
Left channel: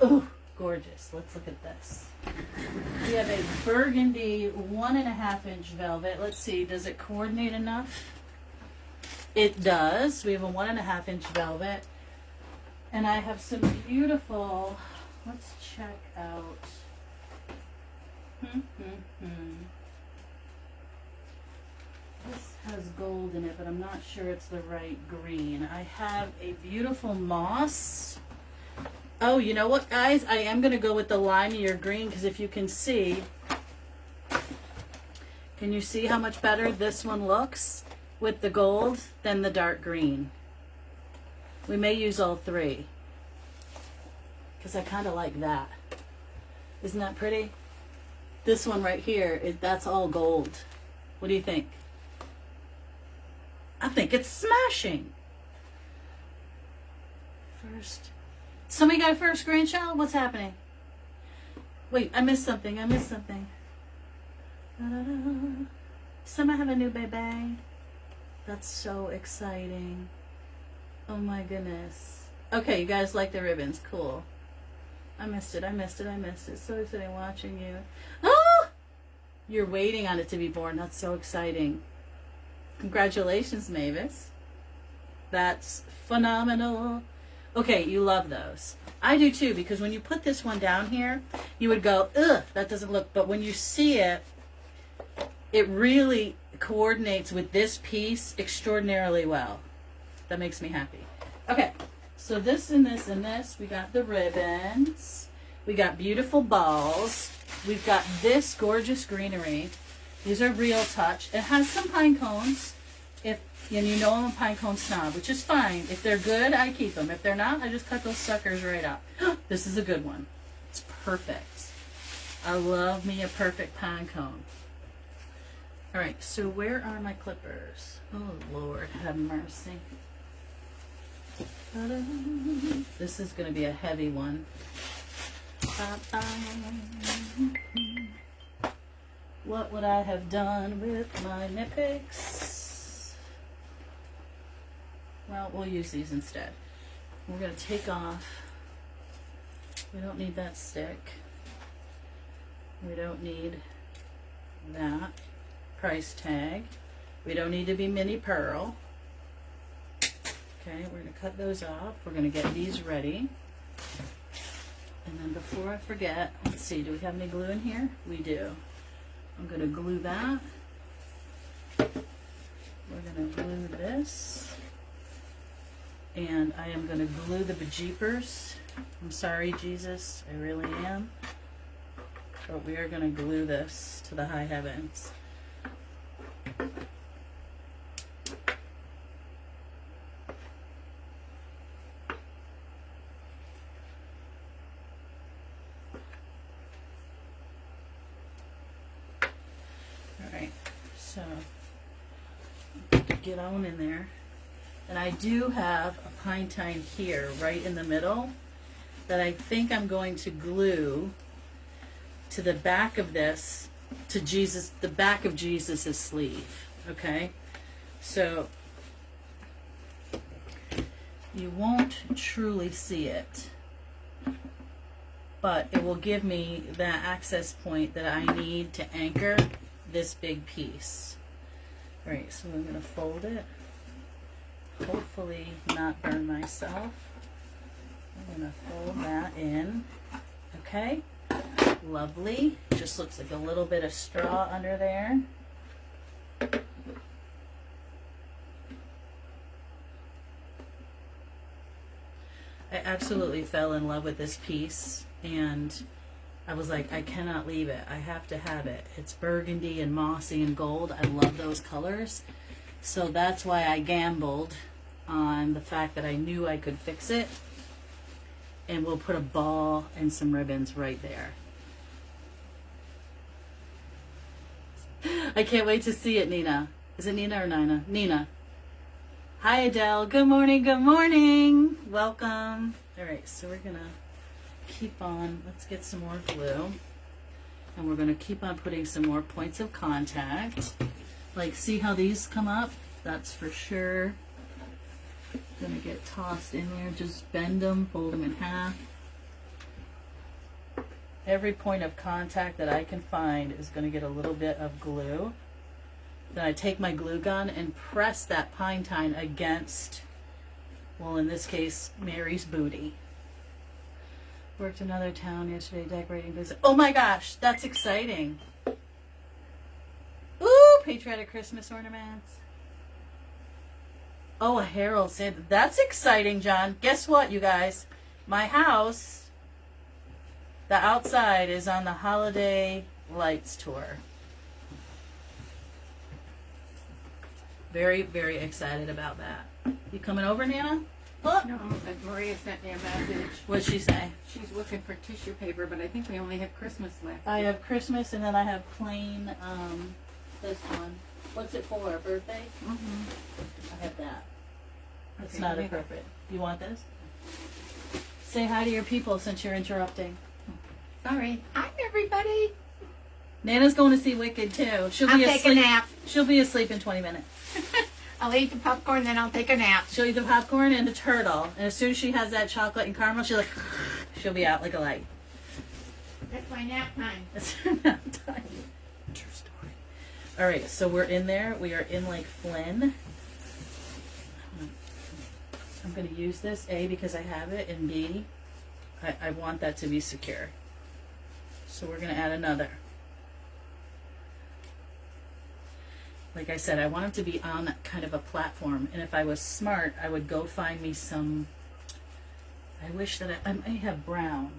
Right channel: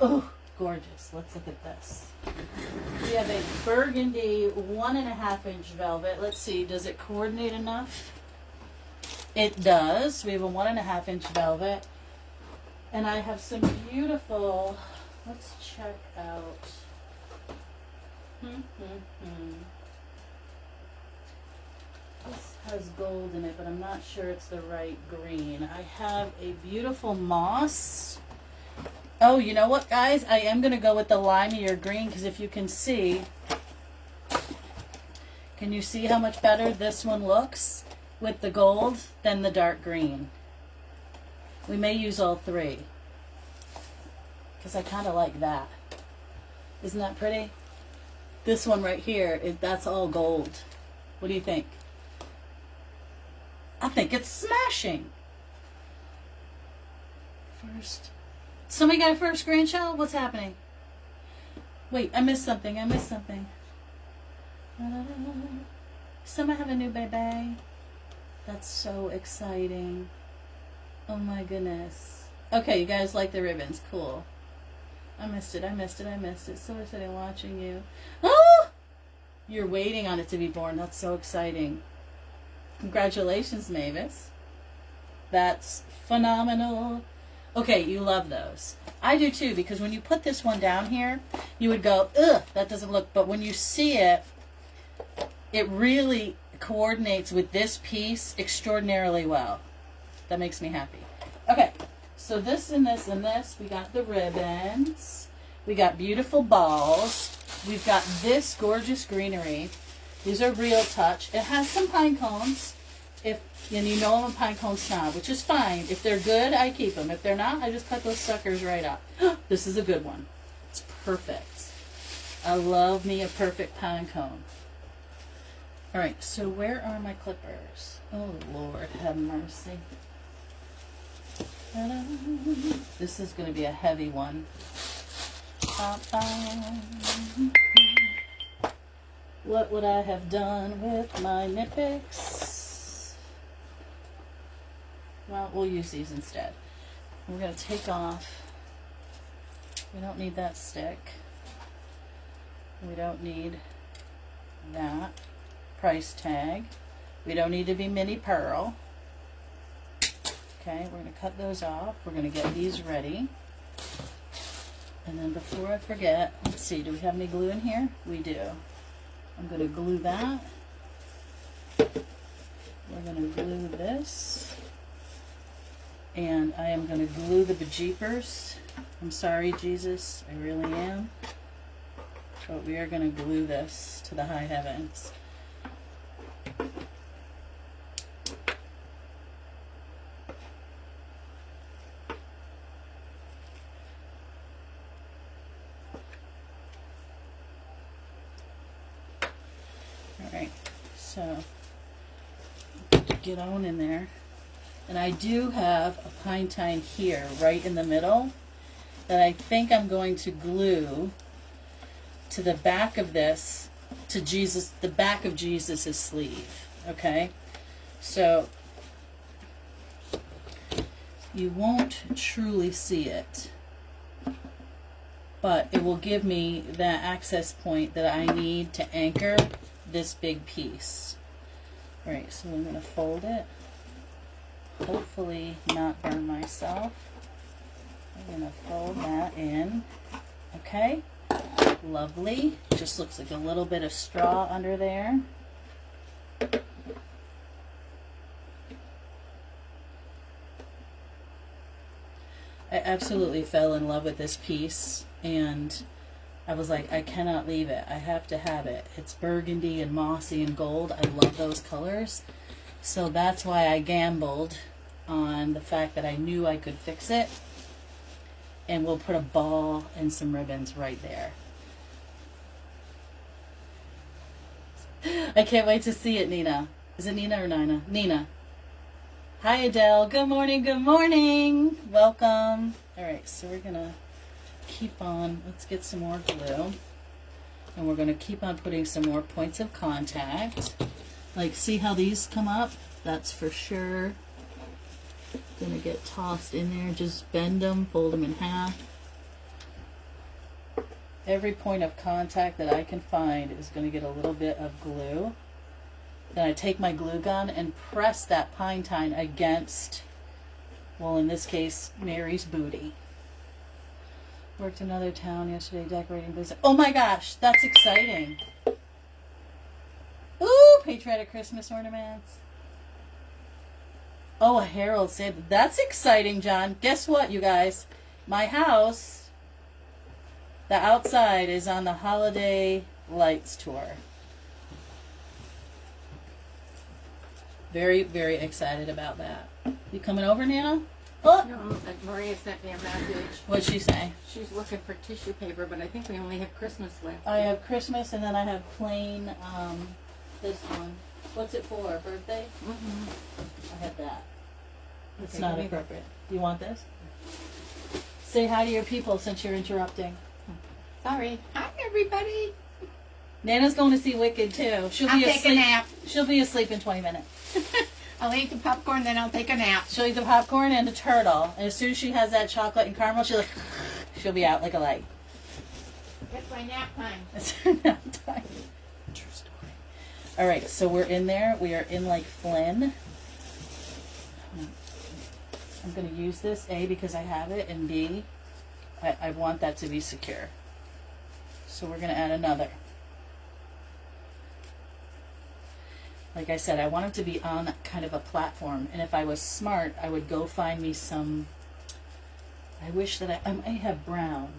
Oh, gorgeous. Let's look at this. We have a burgundy 1.5 inch velvet. Let's see, does it coordinate enough? It does. We have a 1.5 inch velvet. And I have some beautiful, let's check out. This has gold in it, but I'm not sure it's the right green. I have a beautiful moss. Oh, you know what, guys? I am going to go with the limeier green, because if you can see, can you see how much better this one looks with the gold than the dark green? We may use all three, because I kind of like that. Isn't that pretty? This one right here, that's all gold. What do you think? I think it's smashing. First. Somebody got a first grandchild? What's happening? Wait, I missed something. Somebody have a new baby. That's so exciting. Oh my goodness. Okay, you guys like the ribbons. Cool. I missed it. So exciting watching you. Oh! You're waiting on it to be born. That's so exciting. Congratulations, Mavis. That's phenomenal. Okay, you love those. I do too, because when you put this one down here, you would go, ugh, that doesn't look, but when you see it, it really coordinates with this piece extraordinarily well. That makes me happy. Okay, so this and this and this, we got the ribbons, we got beautiful balls, we've got this gorgeous greenery. These are Real Touch. It has some pine cones. And you know I'm a pine cone snob, which is fine. If they're good, I keep them. If they're not, I just cut those suckers right up. This is a good one. It's perfect. I love me a perfect pine cone. All right, so where are my clippers? Oh, Lord, have mercy. This is going to be a heavy one. What would I have done with my nip picks? Well, we'll use these instead. We're going to take off. We don't need that stick. We don't need that price tag. We don't need to be mini pearl. Okay, we're going to cut those off. We're going to get these ready. And then before I forget, let's see, do we have any glue in here? We do. I'm going to glue that. We're going to glue this. And I am going to glue the bejeepers. I'm sorry, Jesus, I really am. But we are going to glue this to the high heavens. Alright, so get on in there. And I do have a pine tine here, right in the middle, that I think I'm going to glue to the back of this, to Jesus, the back of Jesus's sleeve. Okay, so you won't truly see it, but it will give me that access point that I need to anchor this big piece. All right, so I'm going to fold it. Hopefully not burn myself. I'm going to fold that in. Okay, lovely. Just looks like a little bit of straw under there. I absolutely fell in love with this piece, and I was like, I cannot leave it. I have to have it. It's burgundy and mossy and gold. I love those colors. So that's why I gambled on the fact that I knew I could fix it. And we'll put a ball and some ribbons right there. I can't wait to see it, Nina. Is it Nina or Nina? Nina. Hi, Adele. Good morning. Good morning. Welcome. All right, so we're going to keep on. Let's get some more glue. And we're going to keep on putting some more points of contact. Like, see how these come up? That's for sure going to get tossed in there. Just bend them, fold them in half. Every point of contact that I can find is going to get a little bit of glue. Then I take my glue gun and press that pine tine against, well, in this case, Mary's booty. Worked another town yesterday decorating business. Oh my gosh, that's exciting. Ooh, patriotic Christmas ornaments. Oh, a Herald Santa. That's exciting, John. Guess what, you guys? My house, the outside is on the holiday lights tour. Very, very excited about that. You coming over, Nana? Oh. No, Maria sent me a message. What'd she say? She's looking for tissue paper, but I think we only have Christmas left. I have Christmas, and then I have plain, this one. What's it for, birthday? Mm-hmm. I have that. It's Okay, not appropriate. Do you want this? Say hi to your people since you're interrupting. Sorry. Hi, everybody. Nana's going to see Wicked, too. She'll I'll be take asleep. a nap. She'll be asleep in 20 minutes. I'll eat the popcorn, then I'll take a nap. She'll eat the popcorn and the turtle. And as soon as she has that chocolate and caramel, she'll be out like a light. It's my nap time. It's her nap time. True story. All right, so we're in there. We are in like Flynn. I'm going to use this, A, because I have it, and B, I want that to be secure. So we're going to add another. Like I said, I want them to be on kind of a platform. And if I was smart, I would go find me some, I wish that I may have brown.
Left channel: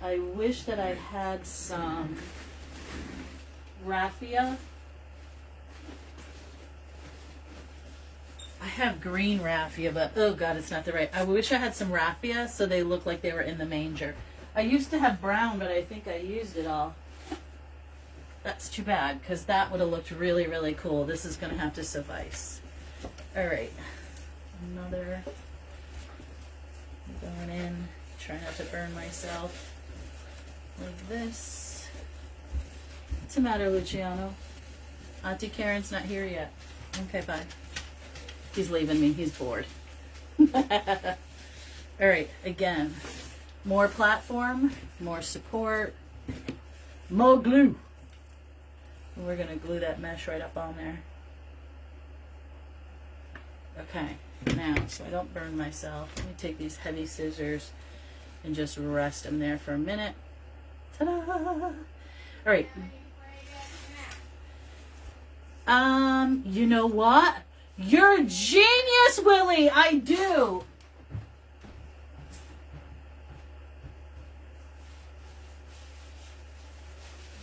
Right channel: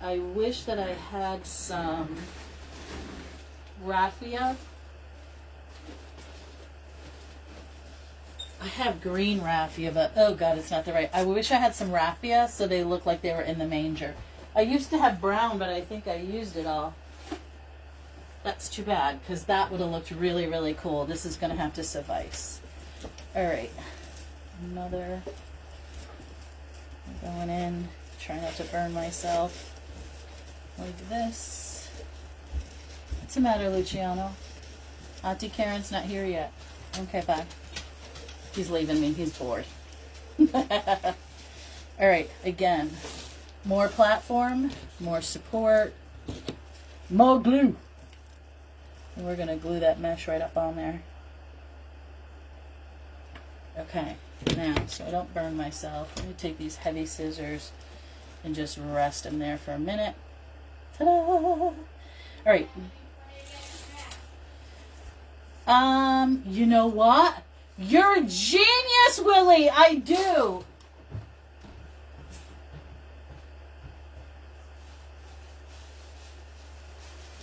I wish that I had some raffia. I have green raffia, but oh god, it's not the right. I wish I had some raffia so they look like they were in the manger. I used to have brown, but I think I used it all. That's too bad, because that would have looked really, really cool. This is going to have to suffice. All right. Another. Going in. Try not to burn myself. Like this. What's the matter, Luciano? Auntie Karen's not here yet. Okay, bye. He's leaving me. He's bored. All right. Again. More platform. More support. More glue. And we're going to glue that mesh right up on there. Okay, now, so I don't burn myself, let me take these heavy scissors and just rest them there for a minute. Ta-da! All right. You know what? You're a genius, Willie! I do!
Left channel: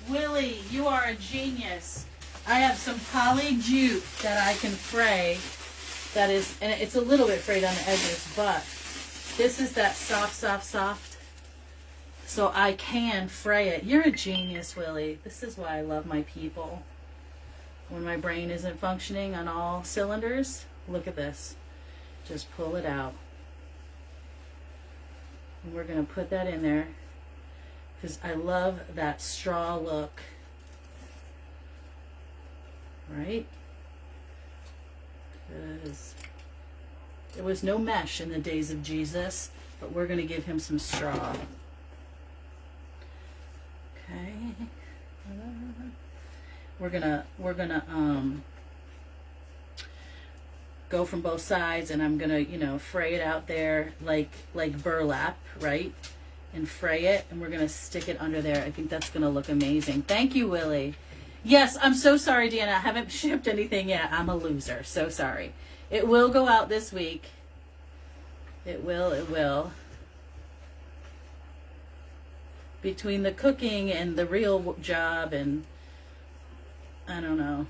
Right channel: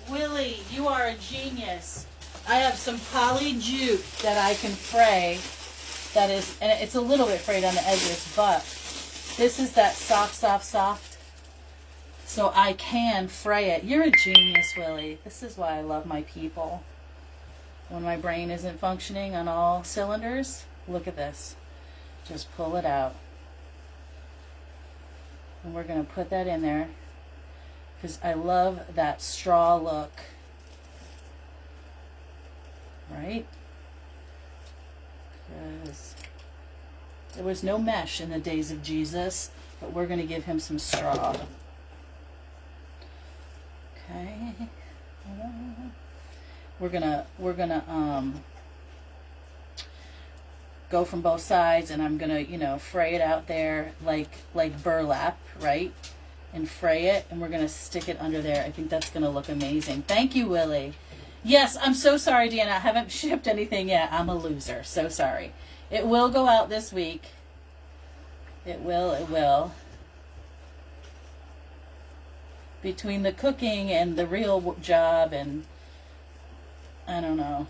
Willie, you are a genius. I have some poly jute that I can fray. That is, and it's a little bit frayed on the edges, but this is that soft. So I can fray it. You're a genius, Willie. This is why I love my people. When my brain isn't functioning on all cylinders, look at this. Just pull it out. And we're going to put that in there. Because I love that straw look. Right? Because there was no mesh in the days of Jesus, but we're going to give him some straw. Okay. We're gonna go from both sides, and I'm gonna fray it out there like burlap, right? And fray it, and we're gonna stick it under there. I think that's gonna look amazing. Thank you, Willie. Yes, I'm so sorry, Deanna. I haven't shipped anything yet. I'm a loser. So sorry. It will go out this week. It will. Between the cooking and the real job, and I don't know.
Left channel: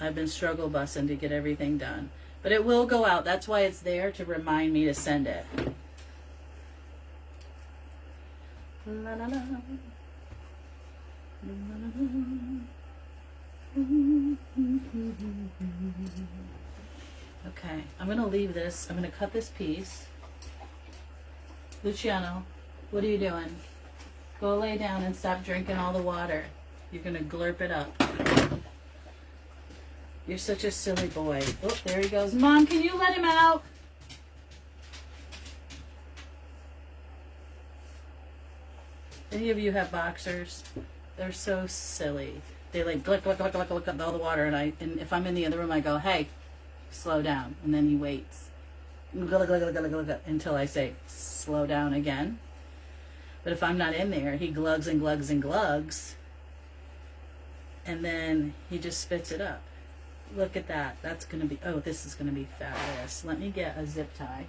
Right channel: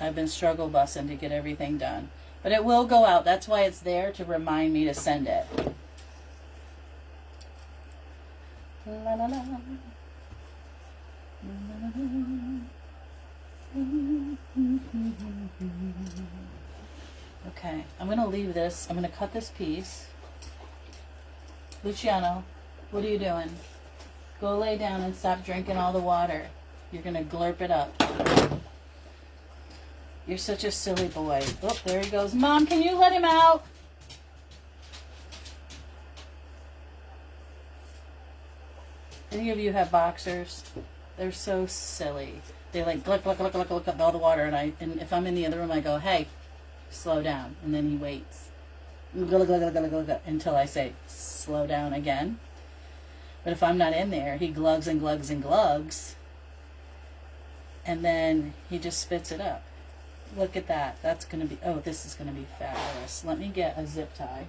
I've been struggle bussing to get everything done. But it will go out. That's why it's there, to remind me to send it. La, la, la. Okay, I'm going to leave this. I'm going to cut this piece. Luciano, what are you doing? Go lay down and stop drinking all the water. You're going to glurp it up. You're such a silly boy. Oh, there he goes. Mom, can you let him out? Any of you have boxers? They're so silly. They like gluck, gluck, gluck, gluck, gluck up all the water, and if I'm in the other room, I go, hey, slow down. And then he waits. Gluck, gluck, gluck, gluck, gluck, gluck, until I say, slow down again. But if I'm not in there, he glugs and glugs and glugs. And then he just spits it up. Look at that. That's going to be, oh, this is going to be fabulous. Let me get a zip tie.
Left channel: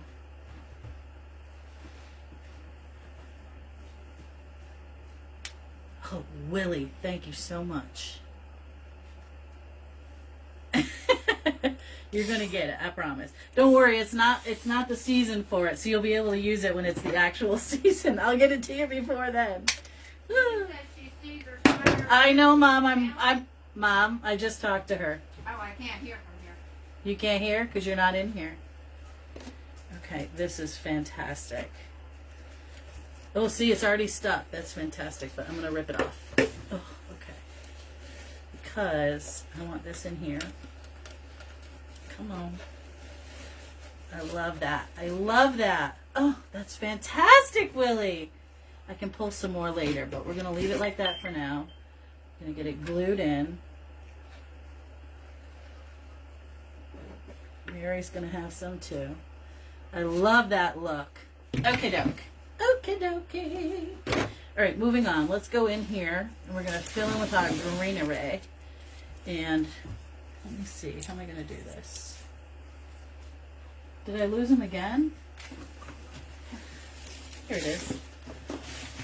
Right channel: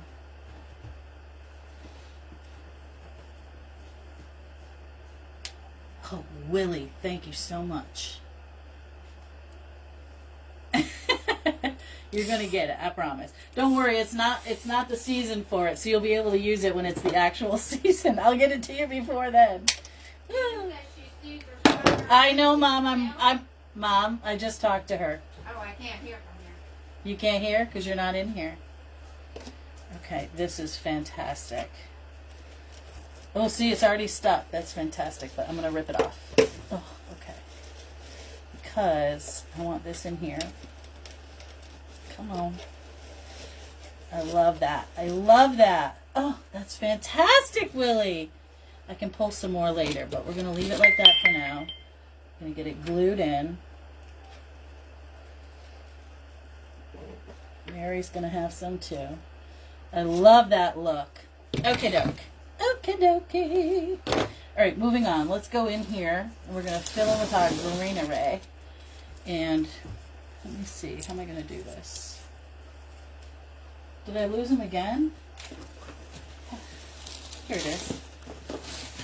Oh, Willie, thank you so much. You're going to get it, I promise. Don't worry, it's not the season for it, so you'll be able to use it when it's the actual season. I'll get it to you before then. I know, Mom. Mom, I just talked to her. Oh, I can't hear from here. You can't hear because you're not in here. Okay, this is fantastic. Oh, see, it's already stuck. That's fantastic, but I'm going to rip it off. Oh, okay. Because I want this in here. Come on. I love that. I love that. Oh, that's fantastic, Willie. I can pull some more later, but we're going to leave it like that for now. I'm going to get it glued in. Mary's going to have some too. I love that look. Okie doke. Okie dokie. All right, moving on. Let's go in here, and we're going to fill in with our Greenery. And let me see. How am I going to do this? Did I lose them again? Here it is.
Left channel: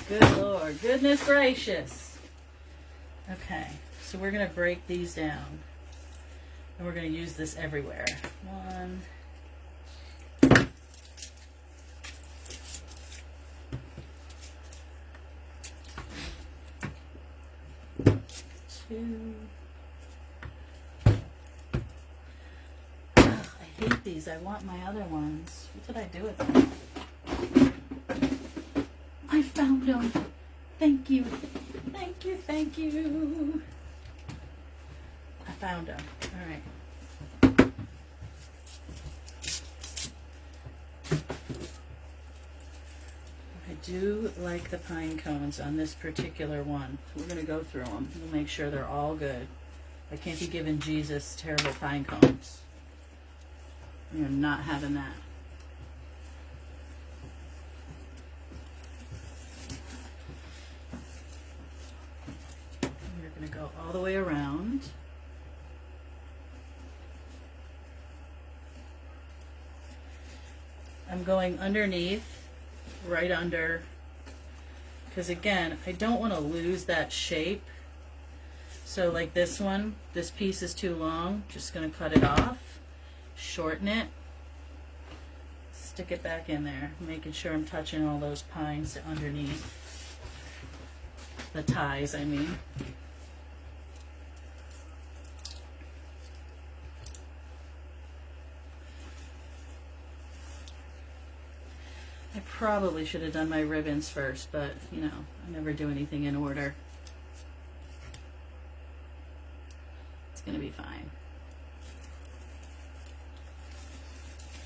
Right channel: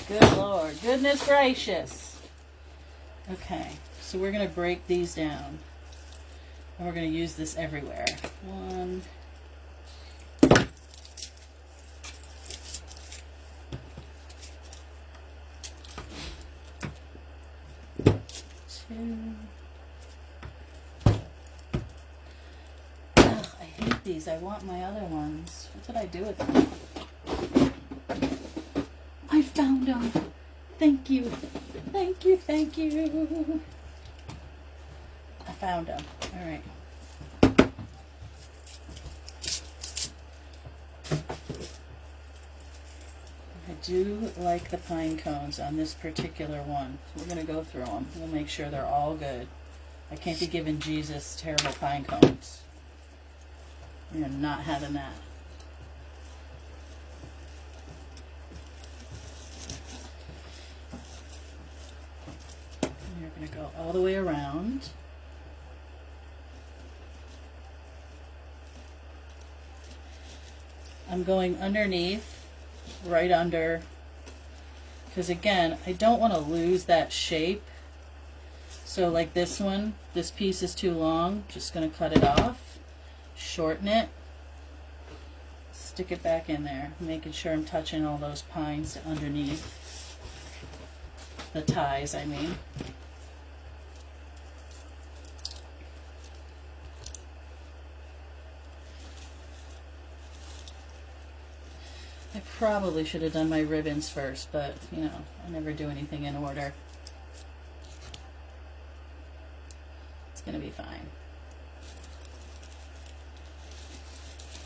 Good Lord. Goodness gracious. Okay, so we're going to break these down. And we're going to use this everywhere. 1, 2. Ugh, I hate these. I want my other ones. What did I do with them? I found them. Thank you. Thank you. Thank you. I found them. All right. I do like the pine cones on this particular one. So we're going to go through them. We'll make sure they're all good. I can't be giving Jesus terrible pine cones. We are not having that. We're going to go all the way around. I'm going underneath, right under, because again, I don't want to lose that shape. So like this one, this piece is too long, just going to cut it off, shorten it, stick it back in there, making sure I'm touching all those pines underneath, the ties I mean. I probably should have done my ribbons first, but, you know, I never do anything in order. It's going to be fine.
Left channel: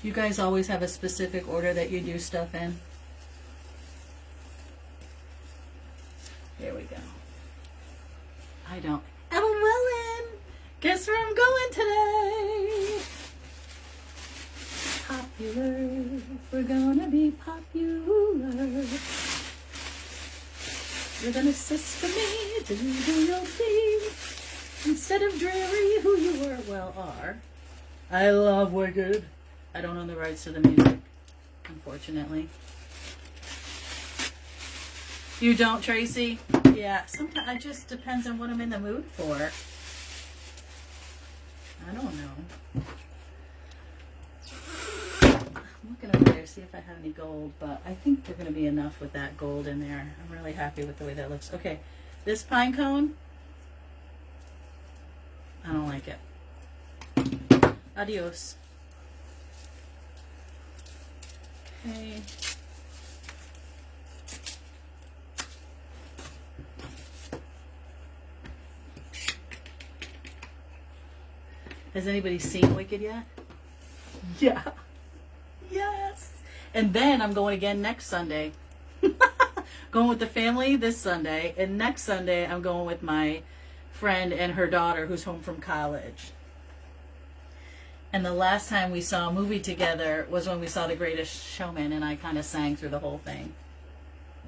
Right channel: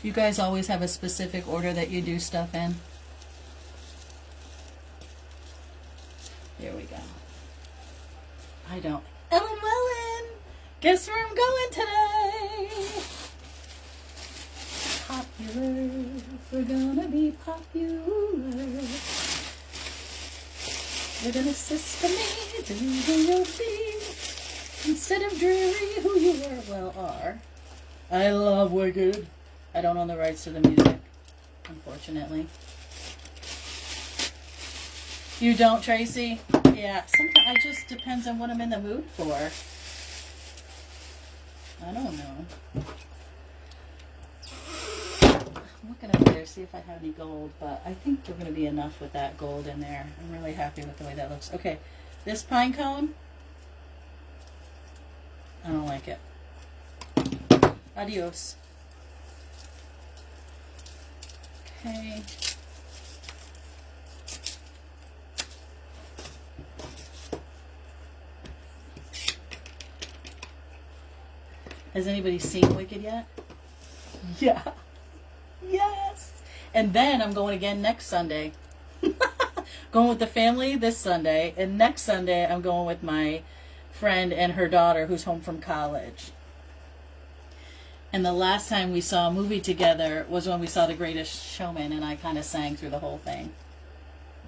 You guys always have a specific order that you do stuff in? Here we go. I don't. Ellen Wellen! Guess where I'm going today? Popular, we're gonna be popular. You're gonna sister me to who you'll be instead of dreary who you were, well, are. I love Wicked. I don't own the rights to the music, unfortunately. You don't, Tracy? Yeah, sometimes it just depends on what I'm in the mood for. I don't know. I'm looking over there to see if I have any gold, but I think there's going to be enough with that gold in there. I'm really happy with the way that looks. Okay, this pine cone, I don't like it. Adios. Okay. Has anybody seen Wicked yet? Yeah. Yes. And then I'm going again next Sunday. Going with the family this Sunday. And next Sunday I'm going with my friend and her daughter who's home from college. And the last time we saw a movie together was when we saw The Greatest Showman, and I kind of sang through the whole thing.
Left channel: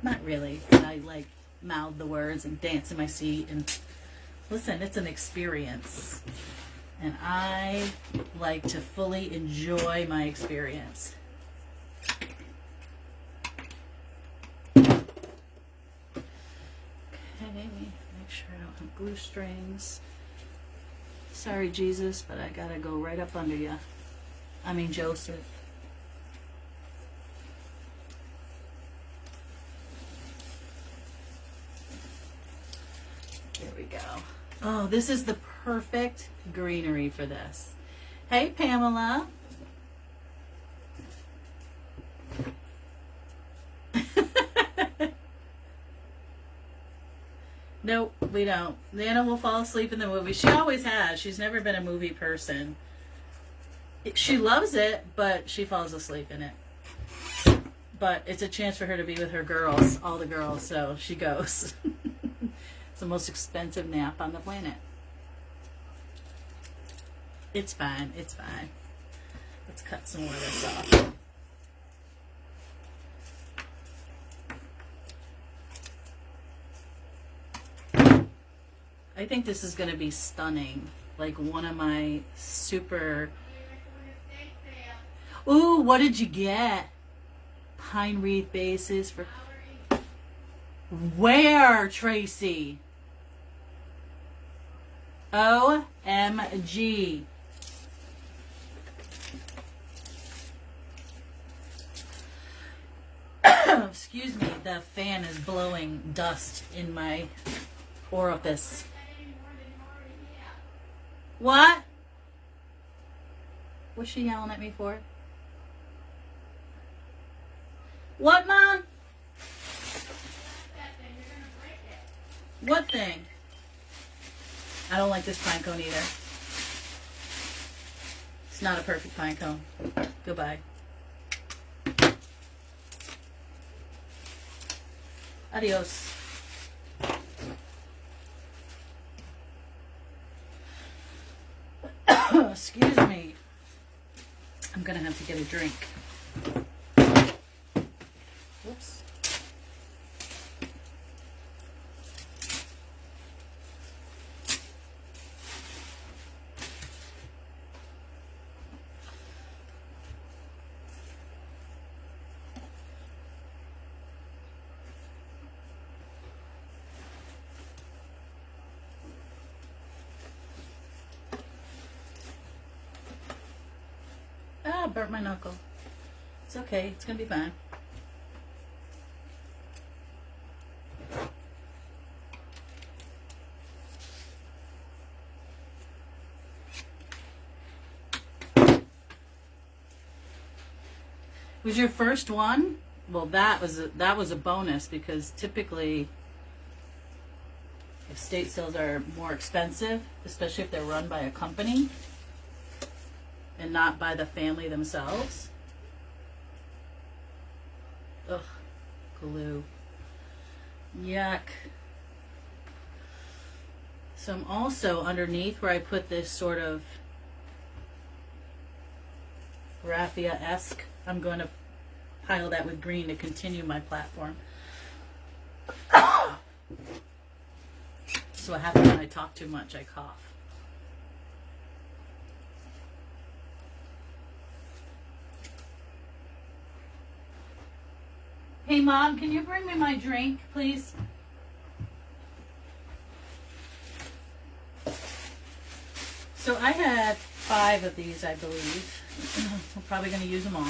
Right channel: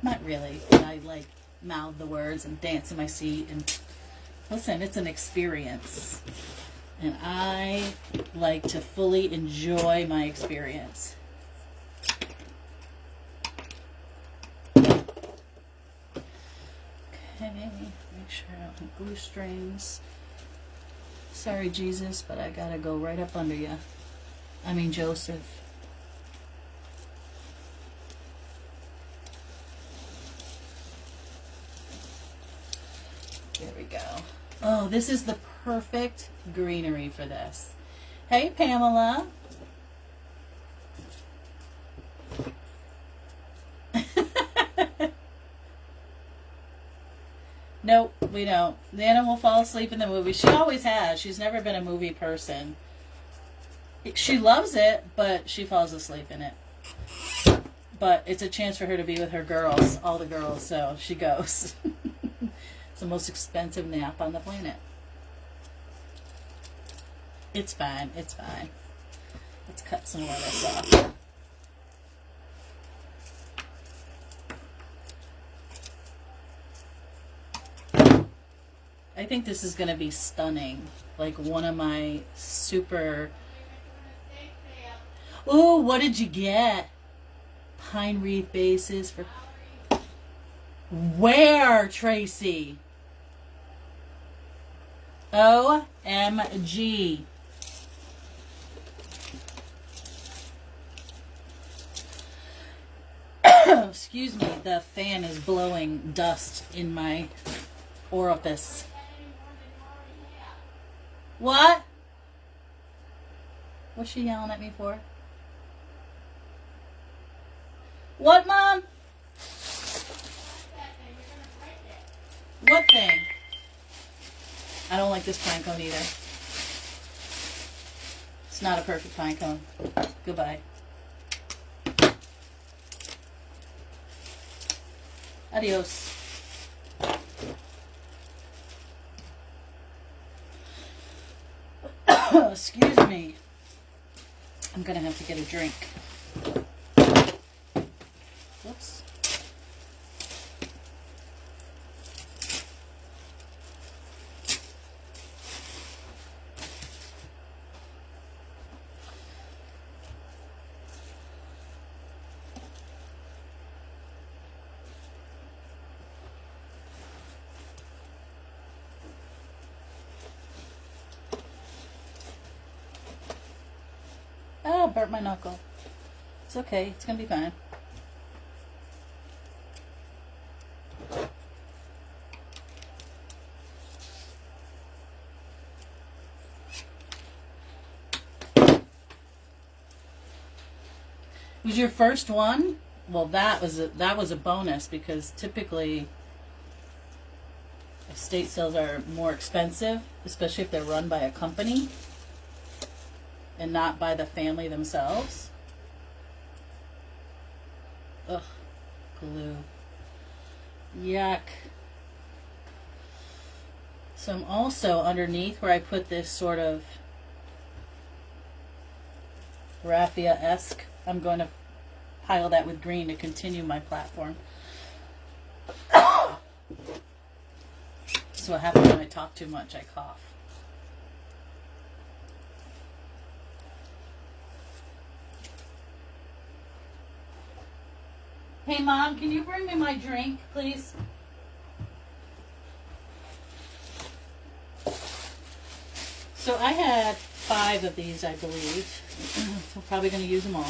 Not really. I like mouthed the words and danced in my seat. And listen, it's an experience. And I like to fully enjoy my experience. Okay, make sure I don't have glue strings. Sorry, Jesus, but I gotta go right up under you. I mean, Joseph. There we go. Oh, this is the perfect greenery for this. Hey, Pamela. Nope, we don't. Nana will fall asleep in the movie. She always has. She's never been a movie person. She loves it, but she falls asleep in it. But it's a chance for her to be with her girls, all the girls, so she goes. It's the most expensive nap on the planet. It's fine. It's fine. Let's cut some more of this off. I think this is going to be stunning. Like one of my super... Ooh, what did you get? Pine wreath bases for... Where, Tracy? OMG. Excuse me, the fan is blowing dust in my orifice. What? What's she yelling at me for? What, Mom? What thing? I don't like this pine cone either. It's not a perfect pine cone. Goodbye. Adios. Excuse me. I'm gonna have to get a drink. Whoops. Ah, burnt my knuckle. It's okay. It's gonna be fine. Was your first one? Well, that was a bonus because typically estate sales are more expensive, especially if they're run by a company and not by the family themselves. Ugh, glue. Yuck. So I'm also underneath where I put this sort of raffia-esque. I'm going to pile that with green to continue my platform. So what happens when I talk too much? I cough. Hey, Mom, can you bring me my drink, please? So I had 5 of these, I believe. I'm probably going to use them all.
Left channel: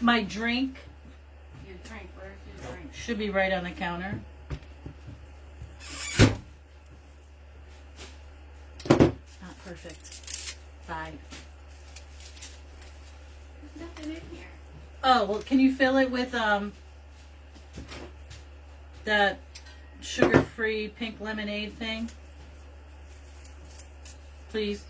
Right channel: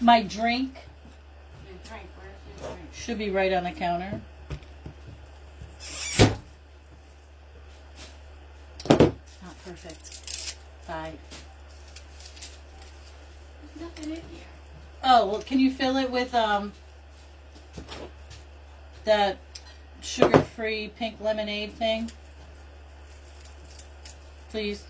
My drink. Your drink, where's your drink? Should be right on the counter. Not perfect. 5. There's nothing in here. Oh, well, can you fill it with that sugar-free pink lemonade thing? Please.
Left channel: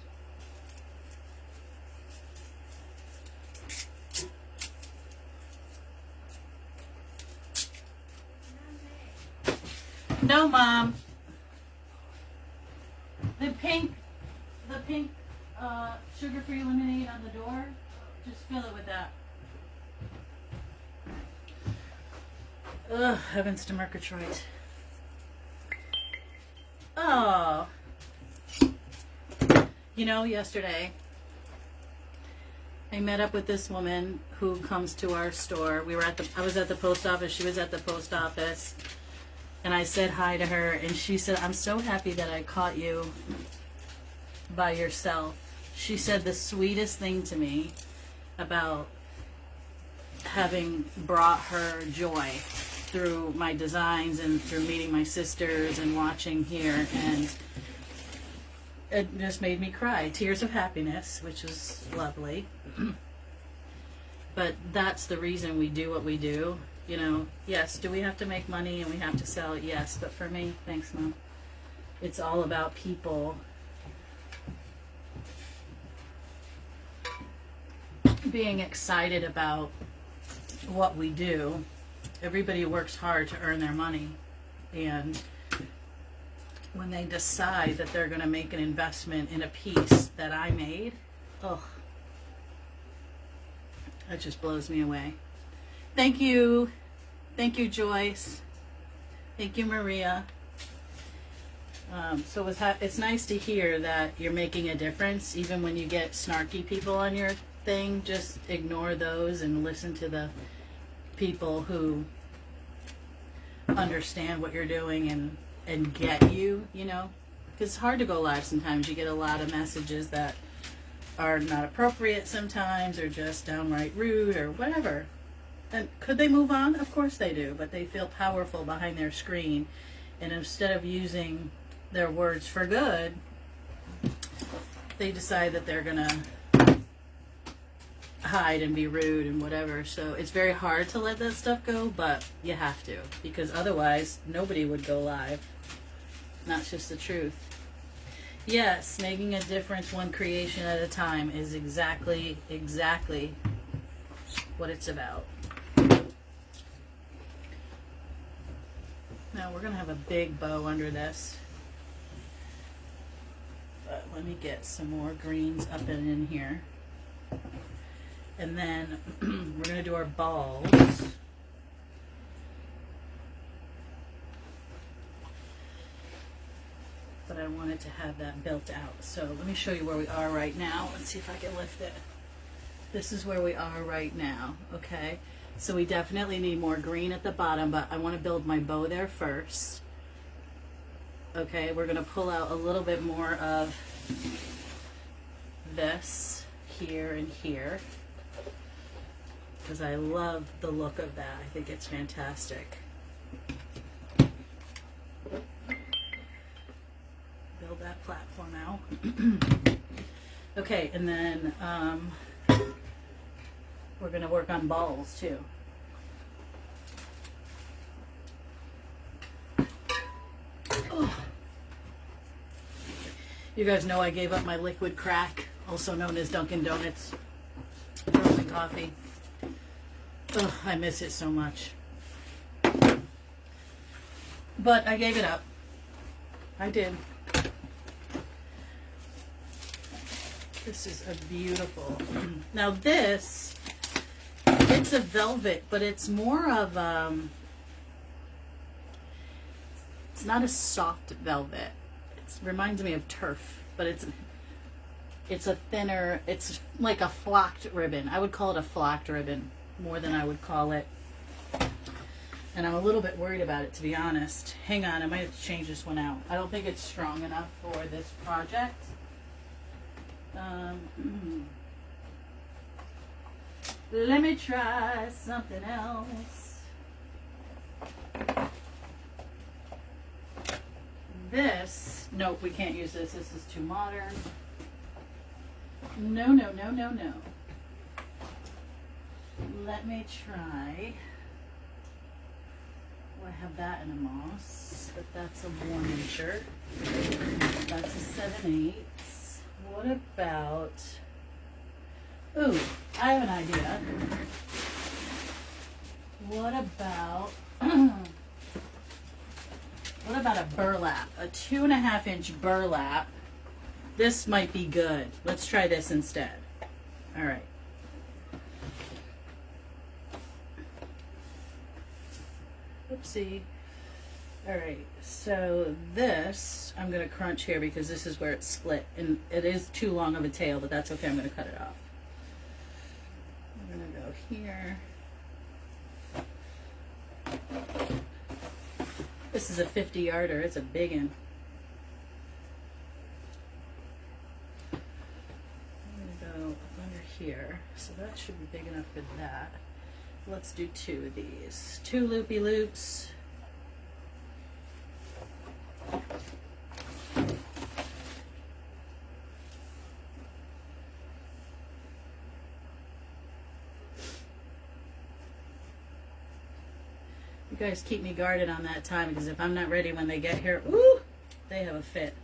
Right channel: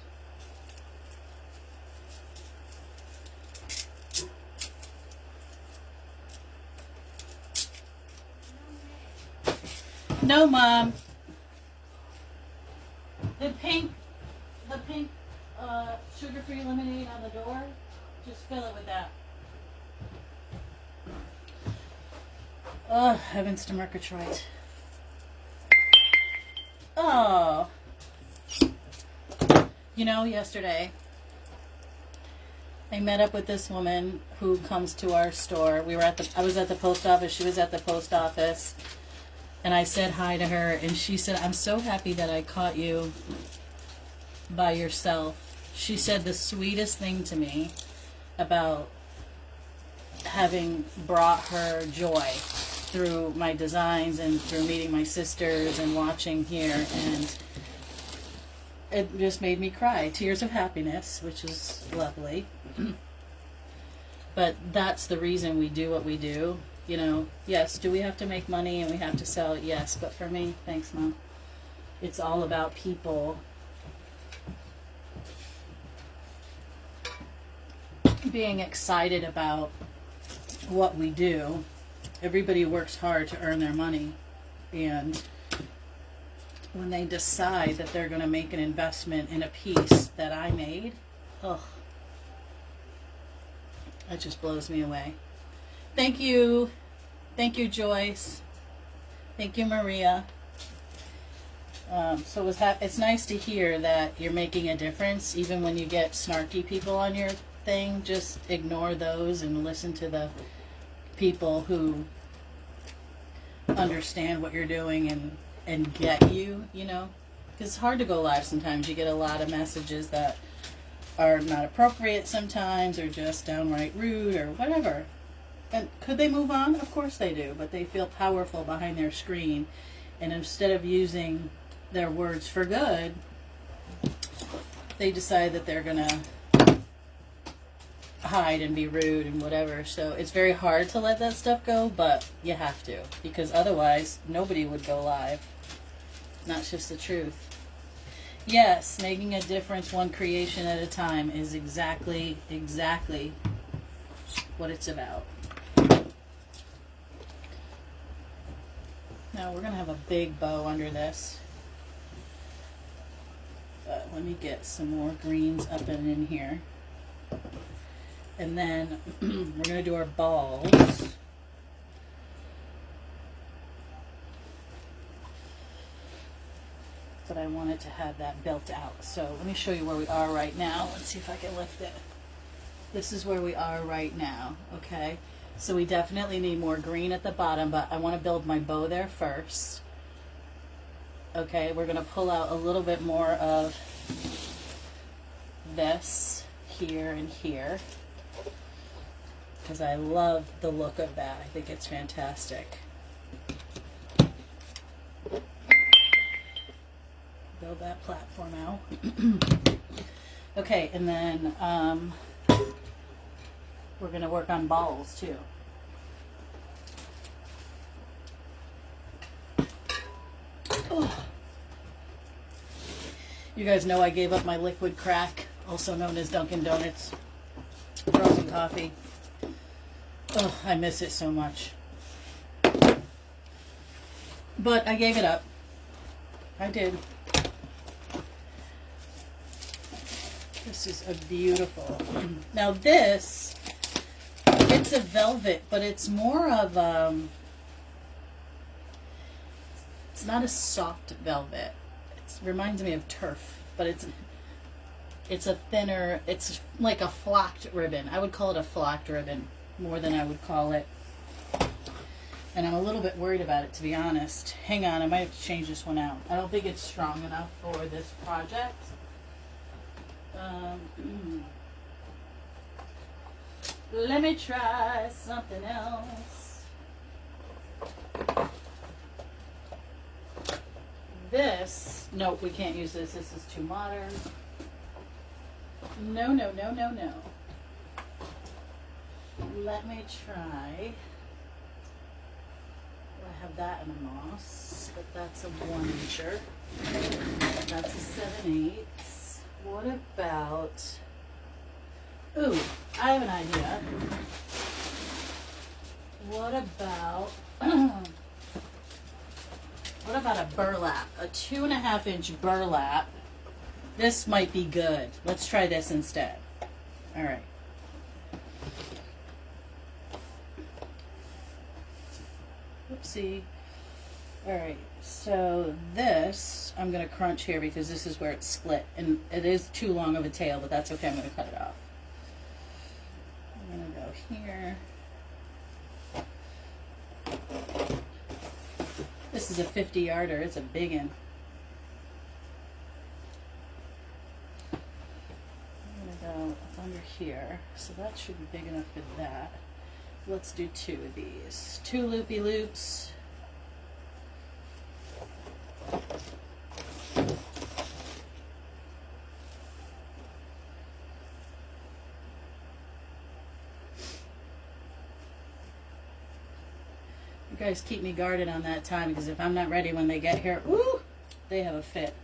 No, Mom. The pink sugar-free lemonade on the door, just fill it with that. Oh, heavens to Murgatroyd. Oh. You know, yesterday, I met up with this woman who comes to our store. I was at the post office, she was at the post office, and I said hi to her, and she said, I'm so happy that I caught you by yourself. She said the sweetest thing to me about having brought her joy through my designs and through meeting my sisters and watching here, and it just made me cry. Tears of happiness, which was lovely. But that's the reason we do what we do. You know, yes, do we have to make money and we have to sell it? Yes, but for me, thanks, Mom, it's all about people being excited about what we do. Everybody works hard to earn their money, and when they decide that they're going to make an investment in a piece that I made, ugh, that just blows me away. Thank you. Thank you, Joyce. Thank you, Maria. So it's nice to hear that you're making a difference, even when you get snarky people on your thing. Just ignore those and listen to the people who understand what you're doing and get you, you know. Because it's hard to go live sometimes. You get a lot of messages that are not appropriate sometimes, or just downright rude or whatever. And could they move on? Of course they do, but they feel powerful behind their screen, and instead of using their words for good, they decide that they're gonna hide and be rude and whatever. So it's very hard to let that stuff go, but you have to, because otherwise nobody would go live. And that's just the truth. Yes, making a difference one creation at a time is exactly what it's about. Now we're gonna have a big bow under this, but let me get some more greens up and in here, and then we're gonna do our balls. But I wanted to have that built out. So let me show you where we are right now. Let's see if I can lift it. This is where we are right now, okay? So we definitely need more green at the bottom, but I want to build my bow there first. Okay, we're going to pull out a little bit more of this here and here, because I love the look of that. I think it's fantastic. Build that platform out. Okay, and then we're going to work on balls too. Oh. You guys know I gave up my liquid crack, also known as Dunkin' Donuts frozen coffee. Ugh, I miss it so much. But I gave it up. I did. This is a beautiful. Now this, it's a velvet, but it's more of it's not a soft velvet. It reminds me of turf, but it's a thinner, it's like a flocked ribbon. I would call it a flocked ribbon more than I would call it. And I'm a little bit worried about it, to be honest. Hang on, I might have to change this one out. I don't think it's strong enough for this project. Let me try something else. This, nope, we can't use this. This is too modern. No, no, no, no, no. Let me try. Oh, I have that in a moss, but that's a 1-incher. That's a 7/8. What about, ooh, I have an idea. What about What about a burlap? A 2.5-inch burlap. This might be good. Let's try this instead. All right. Oopsie. All right, so this I'm going to crunch here because this is where it's split, and it is too long of a tail, but that's okay. I'm going to cut it off. I'm going to go here. This is a 50-yarder. It's a big one. I'm going to go up under here, so that should be big enough for that. Let's do 2 of these. 2 loopy loops. You guys keep me guarded on that time, because if I'm not ready when they get here, ooh, they have a fit.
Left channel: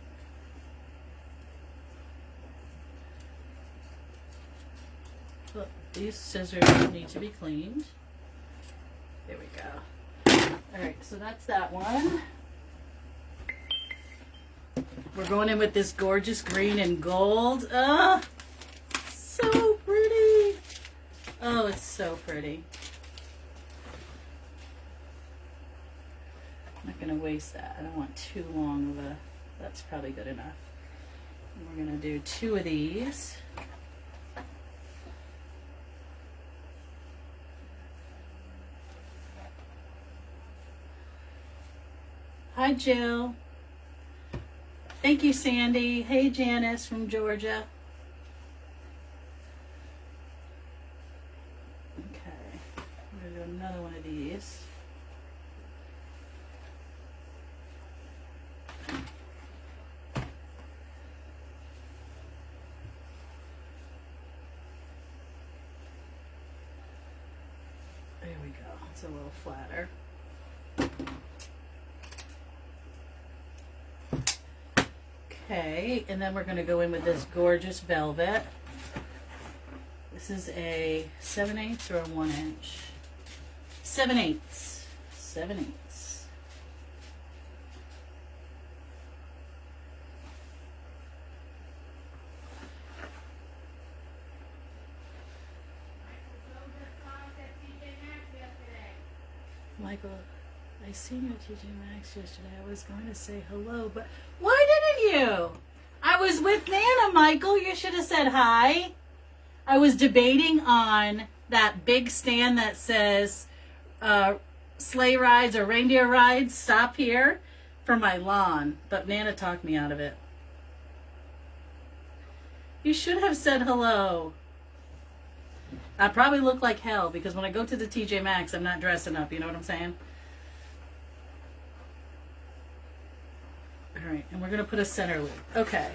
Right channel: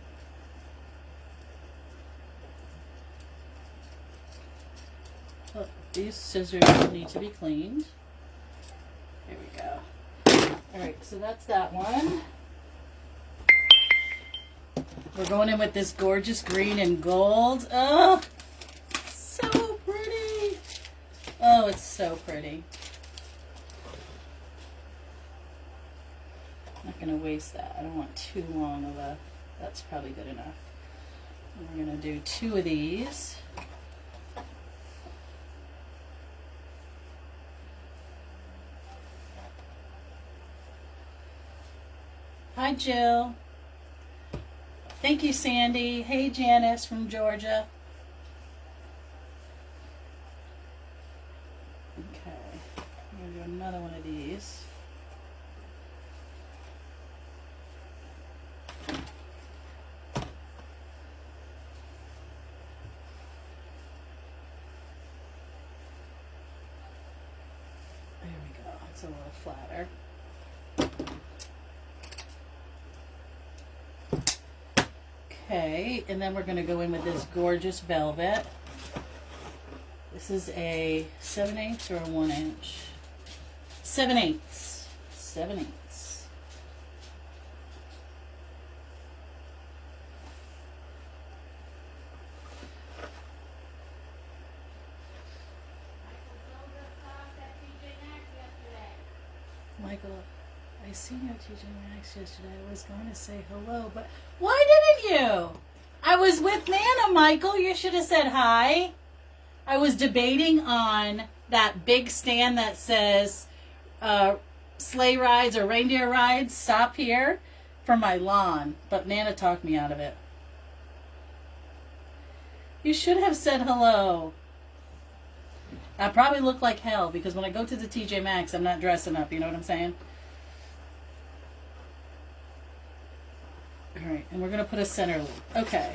Oh, these scissors need to be cleaned. There we go. Alright, so that's that one. We're going in with this gorgeous green and gold. Oh, so pretty. Oh, it's so pretty. I'm not going to waste that. I don't want too long of a, that's probably good enough. And we're going to do 2 of these. Hi, Jill. Thank you, Sandy. Hey, Janice from Georgia. Okay, I'm going to do another one of these. There we go. It's a little flatter. Okay, and then we're going to go in with this gorgeous velvet. This is a 7/8 or a 1 inch? 7/8. 7/8. Michael, I seen you at TJ Maxx yesterday. I was going to say hello, but why didn't you? I was with Nana, Michael. You should have said hi. I was debating on that big stand that says sleigh rides or reindeer rides, stop here, for my lawn, but Nana talked me out of it. You should have said hello. I probably look like hell because when I go to the TJ Maxx, I'm not dressing up. You know what I'm saying? All right, and we're going to put a center loop. Okay.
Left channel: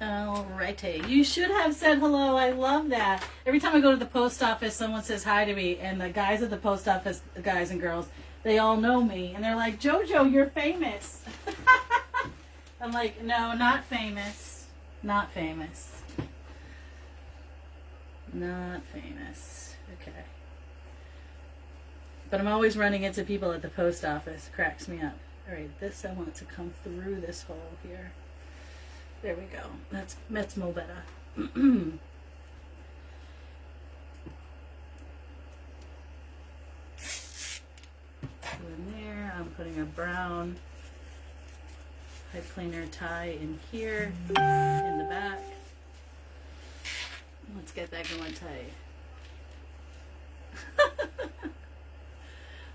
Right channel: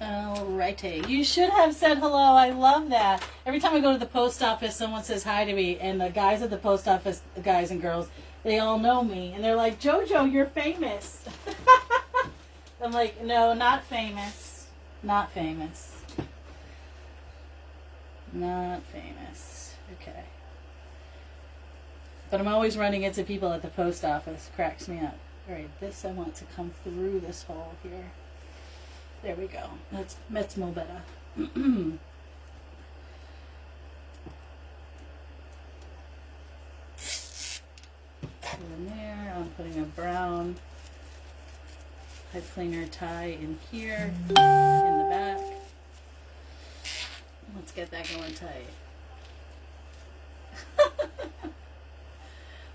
All righty. You should have said hello. I love that. Every time I go to the post office, someone says hi to me, and the guys at the post office, the guys and girls, they all know me, and they're like, JoJo, you're famous. I'm like, no, not famous. Not famous. Not famous. Okay. But I'm always running into people at the post office. Cracks me up. All right, this I want to come through this hole here. There we go. That's more better. Put in there. I'm putting a brown pipe cleaner tie in here, in the back. Let's get that going tight.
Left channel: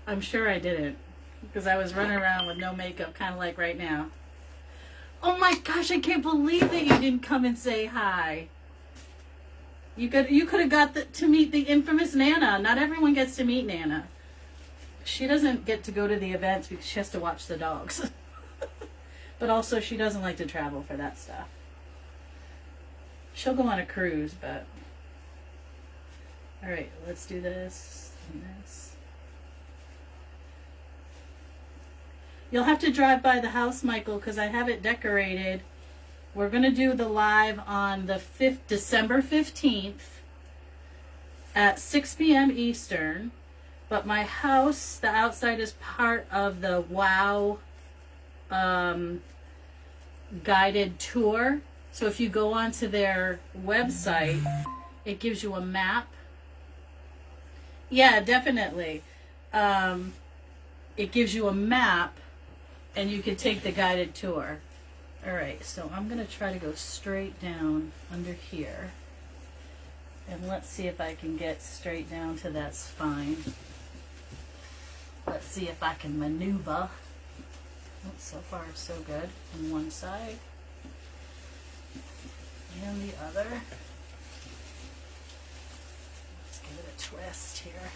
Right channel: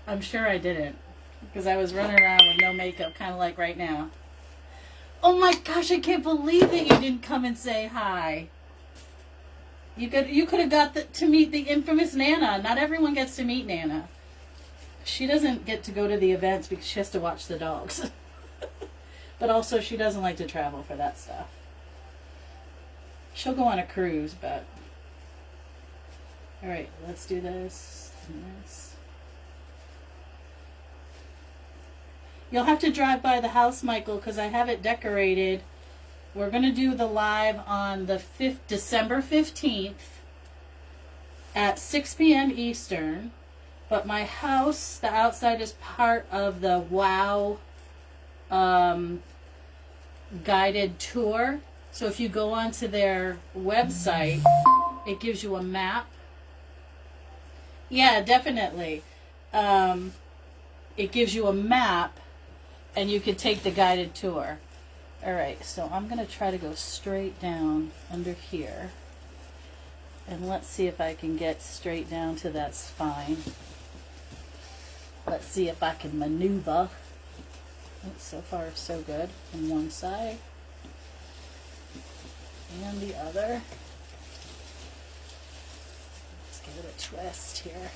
I'm sure I didn't, because I was running around with no makeup, kind of like right now. Oh my gosh, I can't believe that you didn't come and say hi. You could have got to meet the infamous Nana. Not everyone gets to meet Nana. She doesn't get to go to the events because she has to watch the dogs. But also she doesn't like to travel for that stuff. She'll go on a cruise, but... Alright, let's do this and this. You'll have to drive by the house, Michael, because I have it decorated. We're going to do the live on the December 15th at 6 p.m. Eastern. But my house, the outside is part of the WOW guided tour. So if you go onto their website, it gives you a map. Yeah, definitely. It gives you a map and you can take the guided tour. All right, so I'm going to try to go straight down under here. And let's see if I can get straight down to that spine. Let's see if I can maneuver. Oh, so far, so good. From one side and the other. Let's give it a twist here.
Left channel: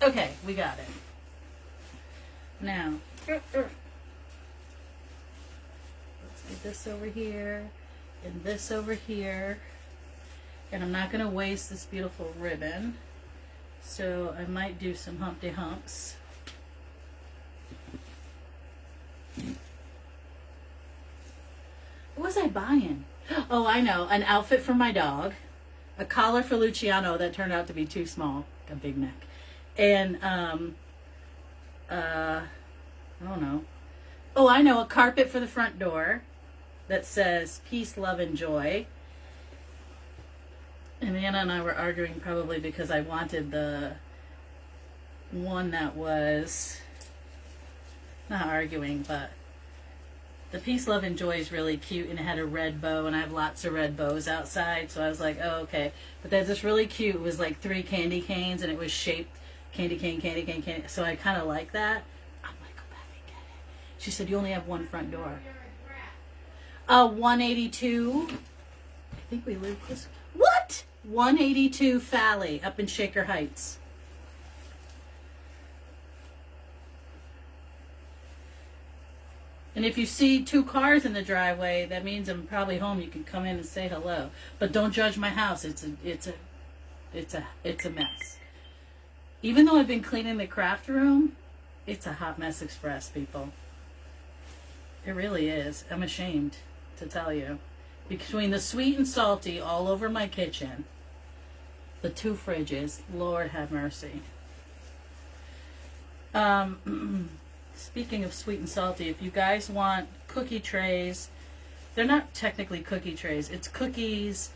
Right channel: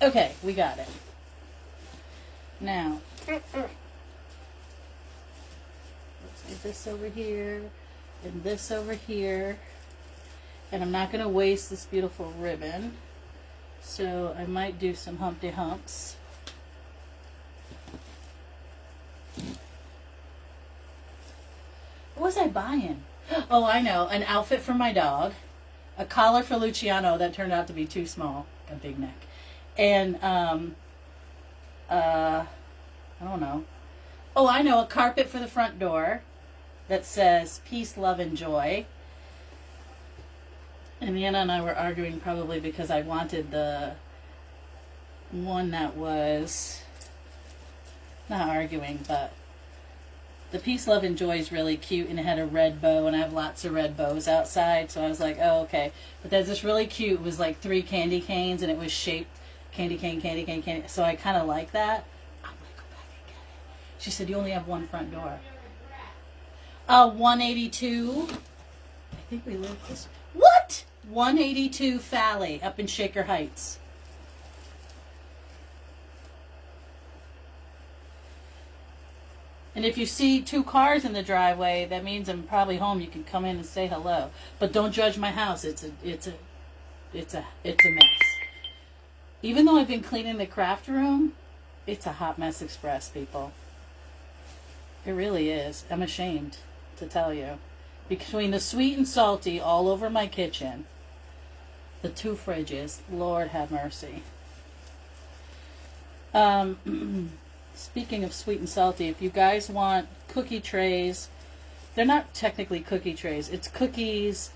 Okay, we got it. Now, let's do this over here and this over here. And I'm not going to waste this beautiful ribbon. So I might do some Humpty Humps. What was I buying? Oh, I know. An outfit for my dog. A collar for Luciano that turned out to be too small. A big neck. And, I don't know. Oh, I know. A carpet for the front door that says peace, love, and joy. And Anna and I were arguing probably because I wanted the one that was, not arguing, but the peace, love, and joy is really cute, and it had a red bow, and I have lots of red bows outside, so I was like, oh, okay. But there's this really cute, it was like 3 candy canes, and it was shaped candy cane, candy cane, candy, so I kind of like that. I might go back and get it. She said, you only have one front door. 182. I think we live this way. What? 182 Falley up in Shaker Heights. And if you see 2 cars in the driveway, that means I'm probably home. You can come in and say hello. But don't judge my house. It's a mess. Even though I've been cleaning the craft room, it's a hot mess express, people. It really is. I'm ashamed to tell you. Between the sweet and salty all over my kitchen, the 2 fridges, Lord have mercy. Speaking of sweet and salty, if you guys want cookie trays, they're not technically cookie trays. It's cookies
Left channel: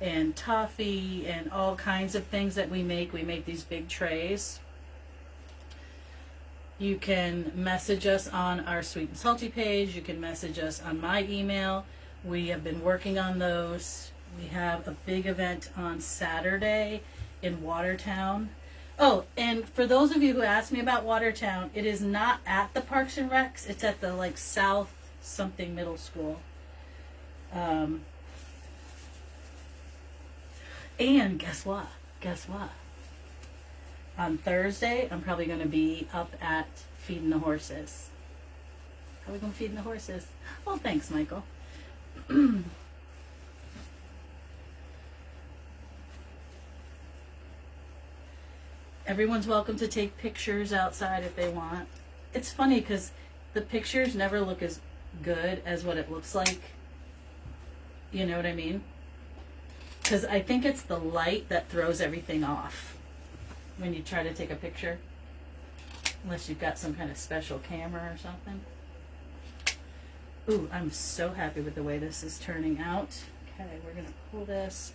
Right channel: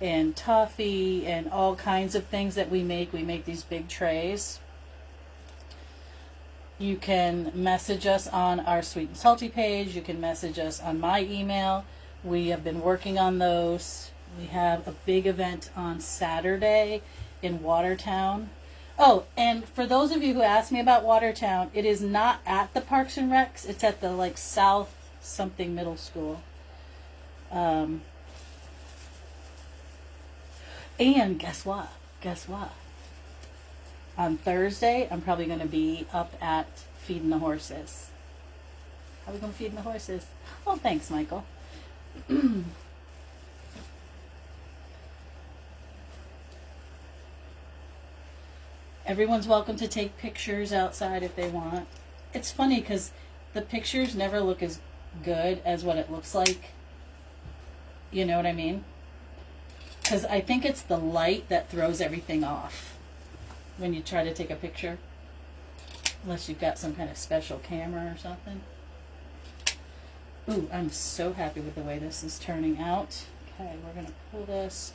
and toffee and all kinds of things that we make. We make these big trays. You can message us on our sweet and salty page. You can message us on my email. We have been working on those. We have a big event on Saturday in Watertown. Oh, and for those of you who asked me about Watertown, it is not at the Parks and Recs. It's at the like South something middle school. And guess what? Guess what? On Thursday, I'm probably going to be up at feeding the horses. Probably going to feed the horses. Oh, thanks, Michael. Everyone's welcome to take pictures outside if they want. It's funny because the pictures never look as good as what it looks like. You know what I mean? Because I think it's the light that throws everything off when you try to take a picture. Unless you've got some kind of special camera or something. Ooh, I'm so happy with the way this is turning out. Okay, we're going to pull this.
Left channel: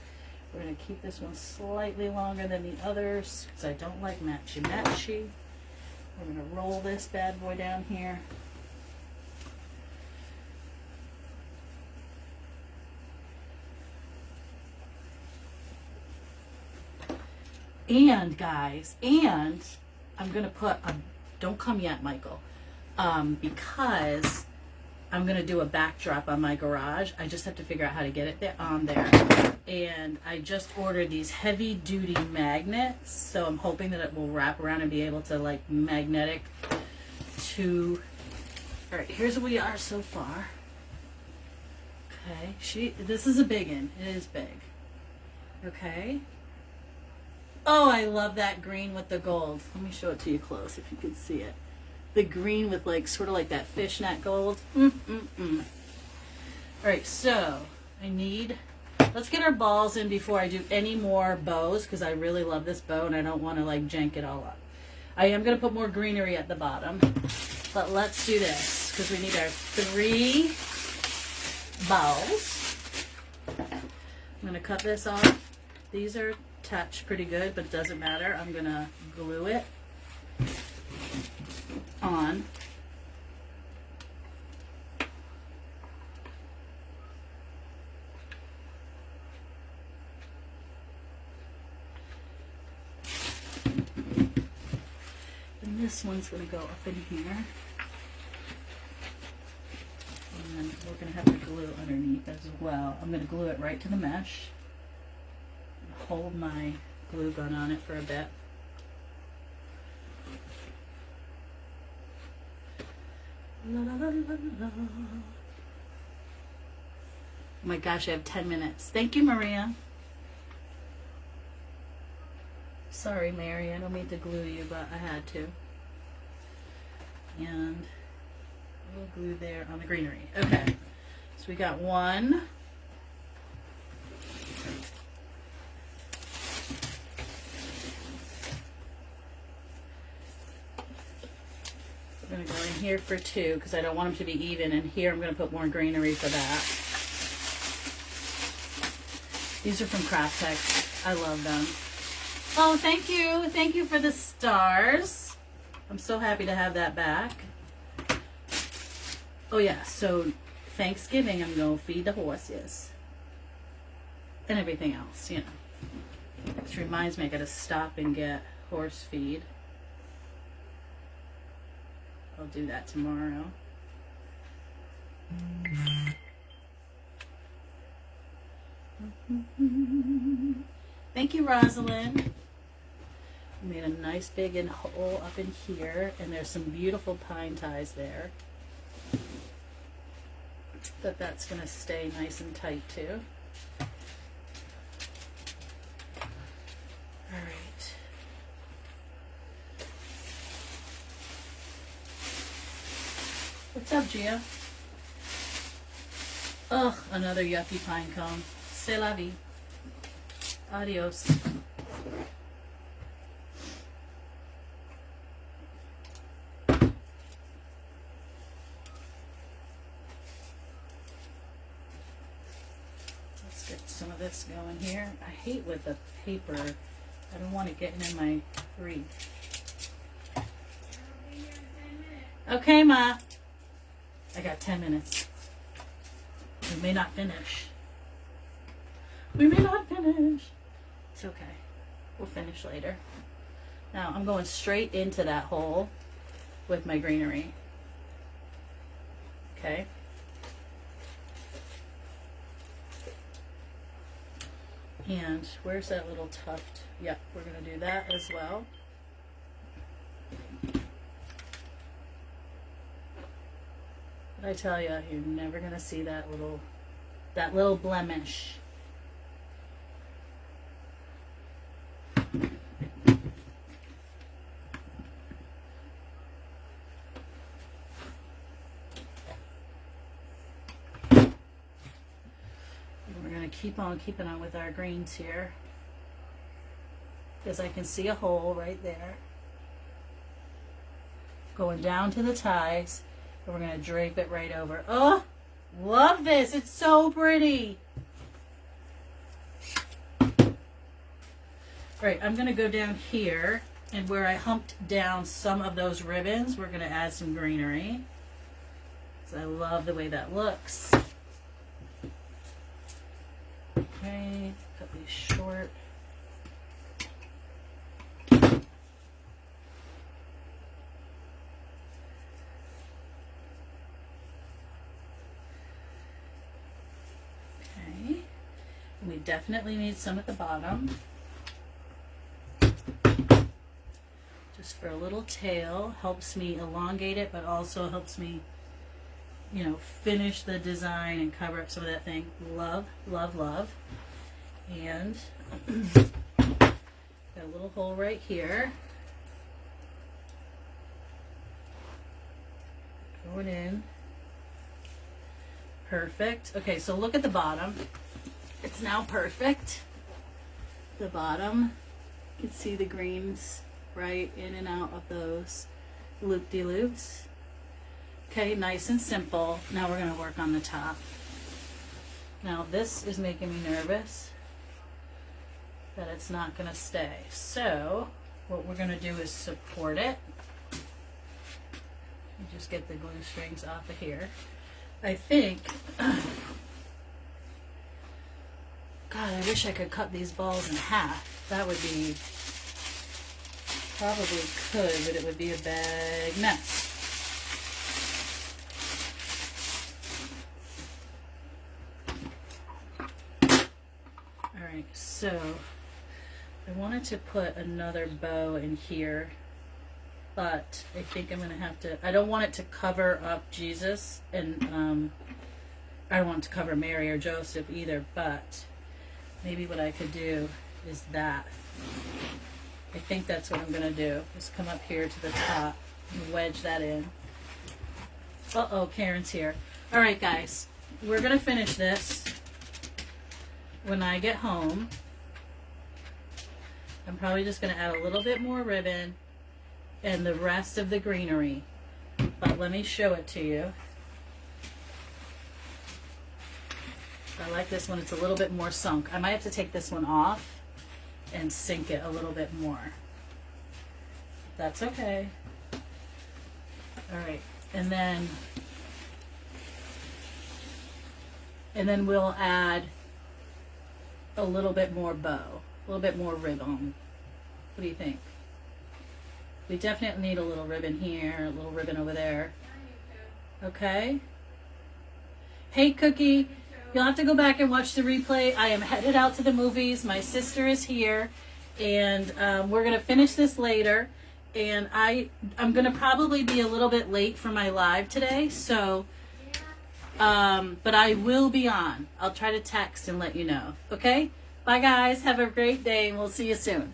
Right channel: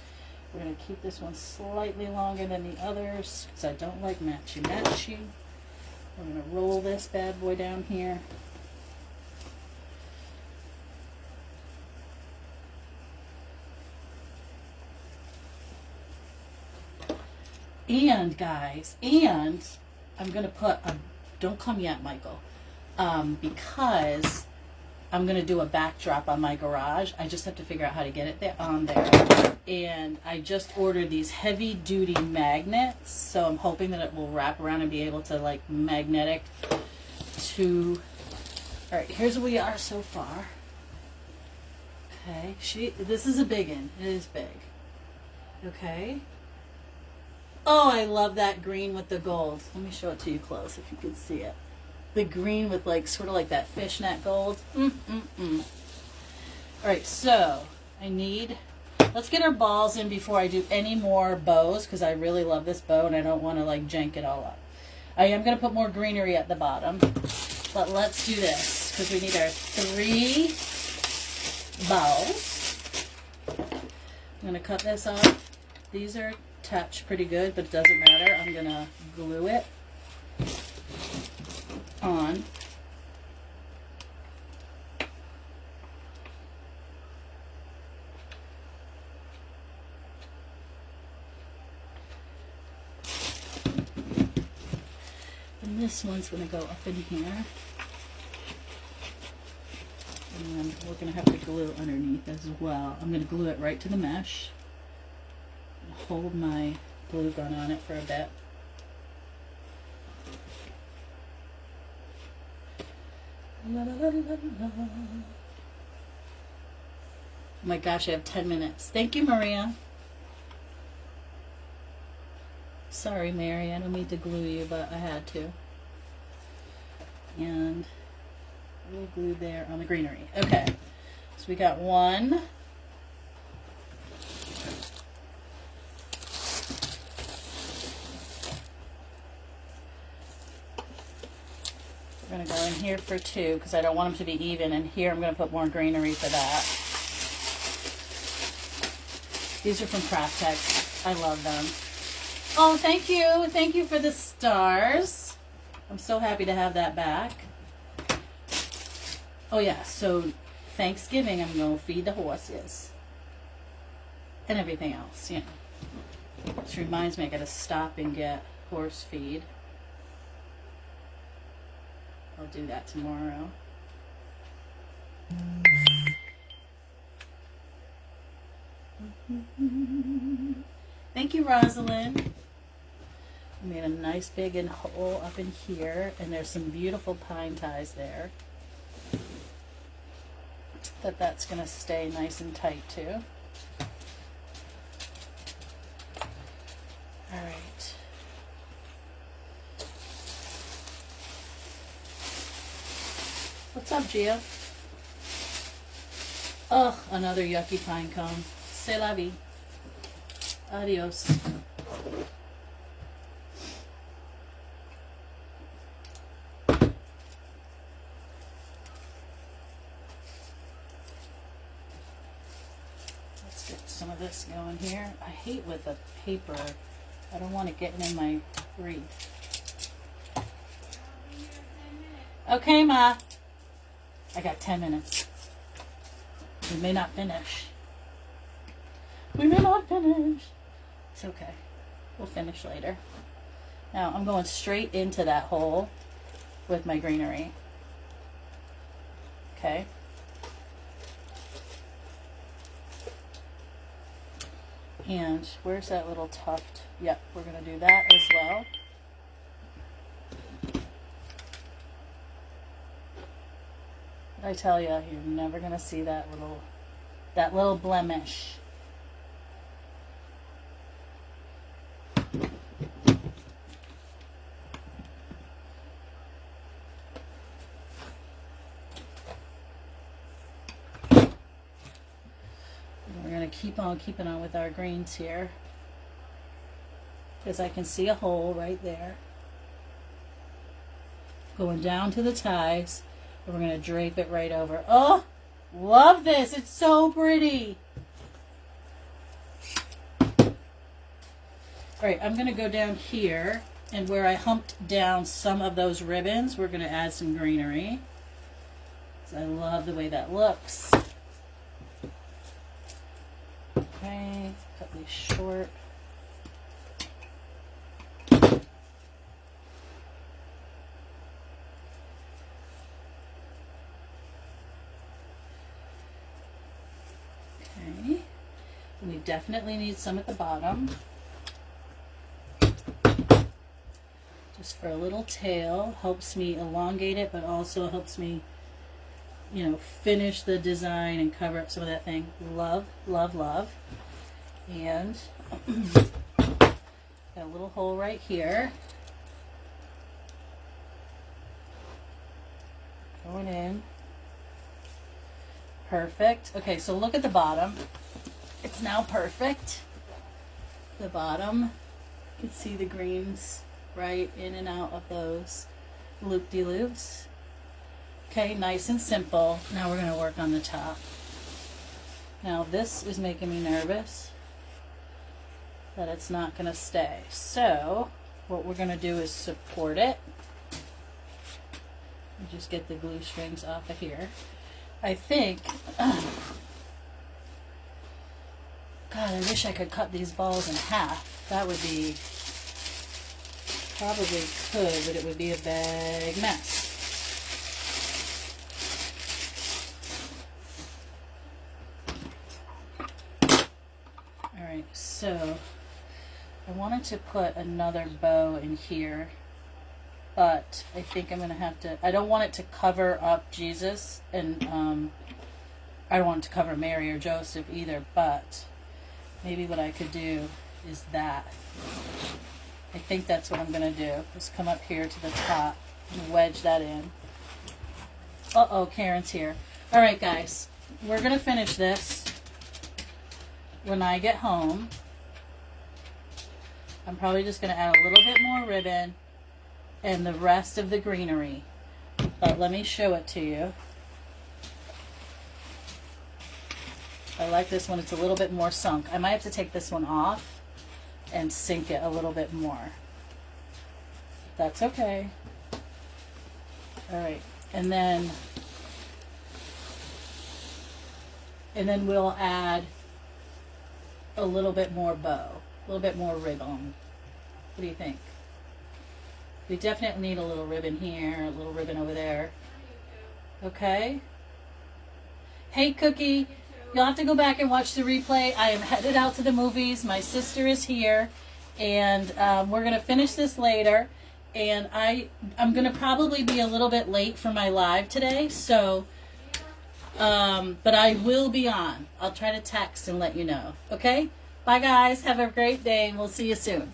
We're going to keep this one slightly longer than the others because I don't like matchy-matchy. We're going to roll this bad boy down here. And guys, and I'm going to put a, don't come yet, Michael, because I'm going to do a backdrop on my garage. I just have to figure out how to get it there, on there. And I just ordered these heavy duty magnets. So I'm hoping that it will wrap around and be able to like magnetic to, all right, here's where we are so far. Okay, this is a big one. It is big. Okay. Oh, I love that green with the gold. Let me show it to you close if you can see it. The green with like sort of like that fishnet gold. All right, so I need Let's get our balls in before I do any more bows, because I really love this bow and I don't want to like jank it all up. I am going to put more greenery at the bottom, but let's do this because we need our 3 bows. I'm going to cut this off. These are attached pretty good, but it doesn't matter. I'm going to glue it on. And this one's going to go up in here. And we're going to have to glue underneath as well. I'm going to glue it right to the mesh. Hold my glue gun on it for a bit. La, la, la, la, la. Oh my gosh, I have 10 minutes. Thank you, Maria. Sorry, Mary, I don't mean to glue you, but I had to. And a little glue there on the greenery. Okay, so we got one. We're going to go in here for 2 because I don't want them to be even, and here I'm going to put more greenery for that. These are from Craft Tex. I love them. Oh, thank you. Thank you for the stars. I'm so happy to have that back. Oh yeah, so Thanksgiving I'm going to feed the horses. And everything else, you know. This reminds me I got to stop and get horse feed. I'll do that tomorrow. Thank you, Rosalind. I made a nice big hole up in here, and there's some beautiful pine ties there. That's going to stay nice and tight too. All right. What's up, Gia? Ugh, another yucky pine cone. C'est la vie. Adios. Let's get some of this going here. I hate with the paper. I don't want it getting in my wreath. Okay, Ma. I got 10 minutes. We may not finish. We may not finish. It's okay. We'll finish later. Now I'm going straight into that hole with my greenery. Okay. And where's that little tuft? Yep, we're going to do that as well. I tell you, you're never gonna see that little blemish. We're gonna keep on keeping on with our greens here, because I can see a hole right there going down to the ties. And we're going to drape it right over. Oh, love this. It's so pretty. All right, I'm going to go down here, and where I humped down some of those ribbons, we're going to add some greenery. So I love the way that looks. Okay, cut these short. We definitely need some at the bottom. Just for a little tail. Helps me elongate it, but also helps me, you know, finish the design and cover up some of that thing. Love, love, love. And got a little hole right here. Going in. Perfect. Okay, so look at the bottom. it's now perfect. The bottom, you can see the greens right in and out of those loop-de-loops. Okay, nice and simple. Now we're gonna work on the top. Now this is making me nervous that it's not gonna stay. So what we're gonna do is support it. Just get the glue strings off of here. I think, God, I wish I could cut these balls in half. That would be, probably could, but it would be a big mess. Alright, so I wanted to put another bow in here, but I think I'm going to have to, I don't want it to cover up Jesus, and I don't want it to cover Mary or Joseph either, but maybe what I could do is that. I think that's what I'm going to do, is come up here to the top and wedge that in. Uh-oh, Karen's here. Alright guys, we're going to finish this when I get home. I'm probably just going to add a little bit more ribbon and the rest of the greenery. But let me show it to you. I like this one. It's a little bit more sunk. I might have to take this one off and sink it a little bit more. That's okay. Alright. And then we'll add a little bit more bow. A little bit more ribbon. What do you think? We definitely need a little ribbon here, a little ribbon over there. Okay? Hey, Cookie. You'll have to go back and watch the replay. I am headed out to the movies. My sister is here. And we're going to finish this later. And I'm going to probably be a little bit late for my live today. So, but I will be on. I'll try to text and let you know. Okay? Bye, guys. Have a great day, and we'll see you soon.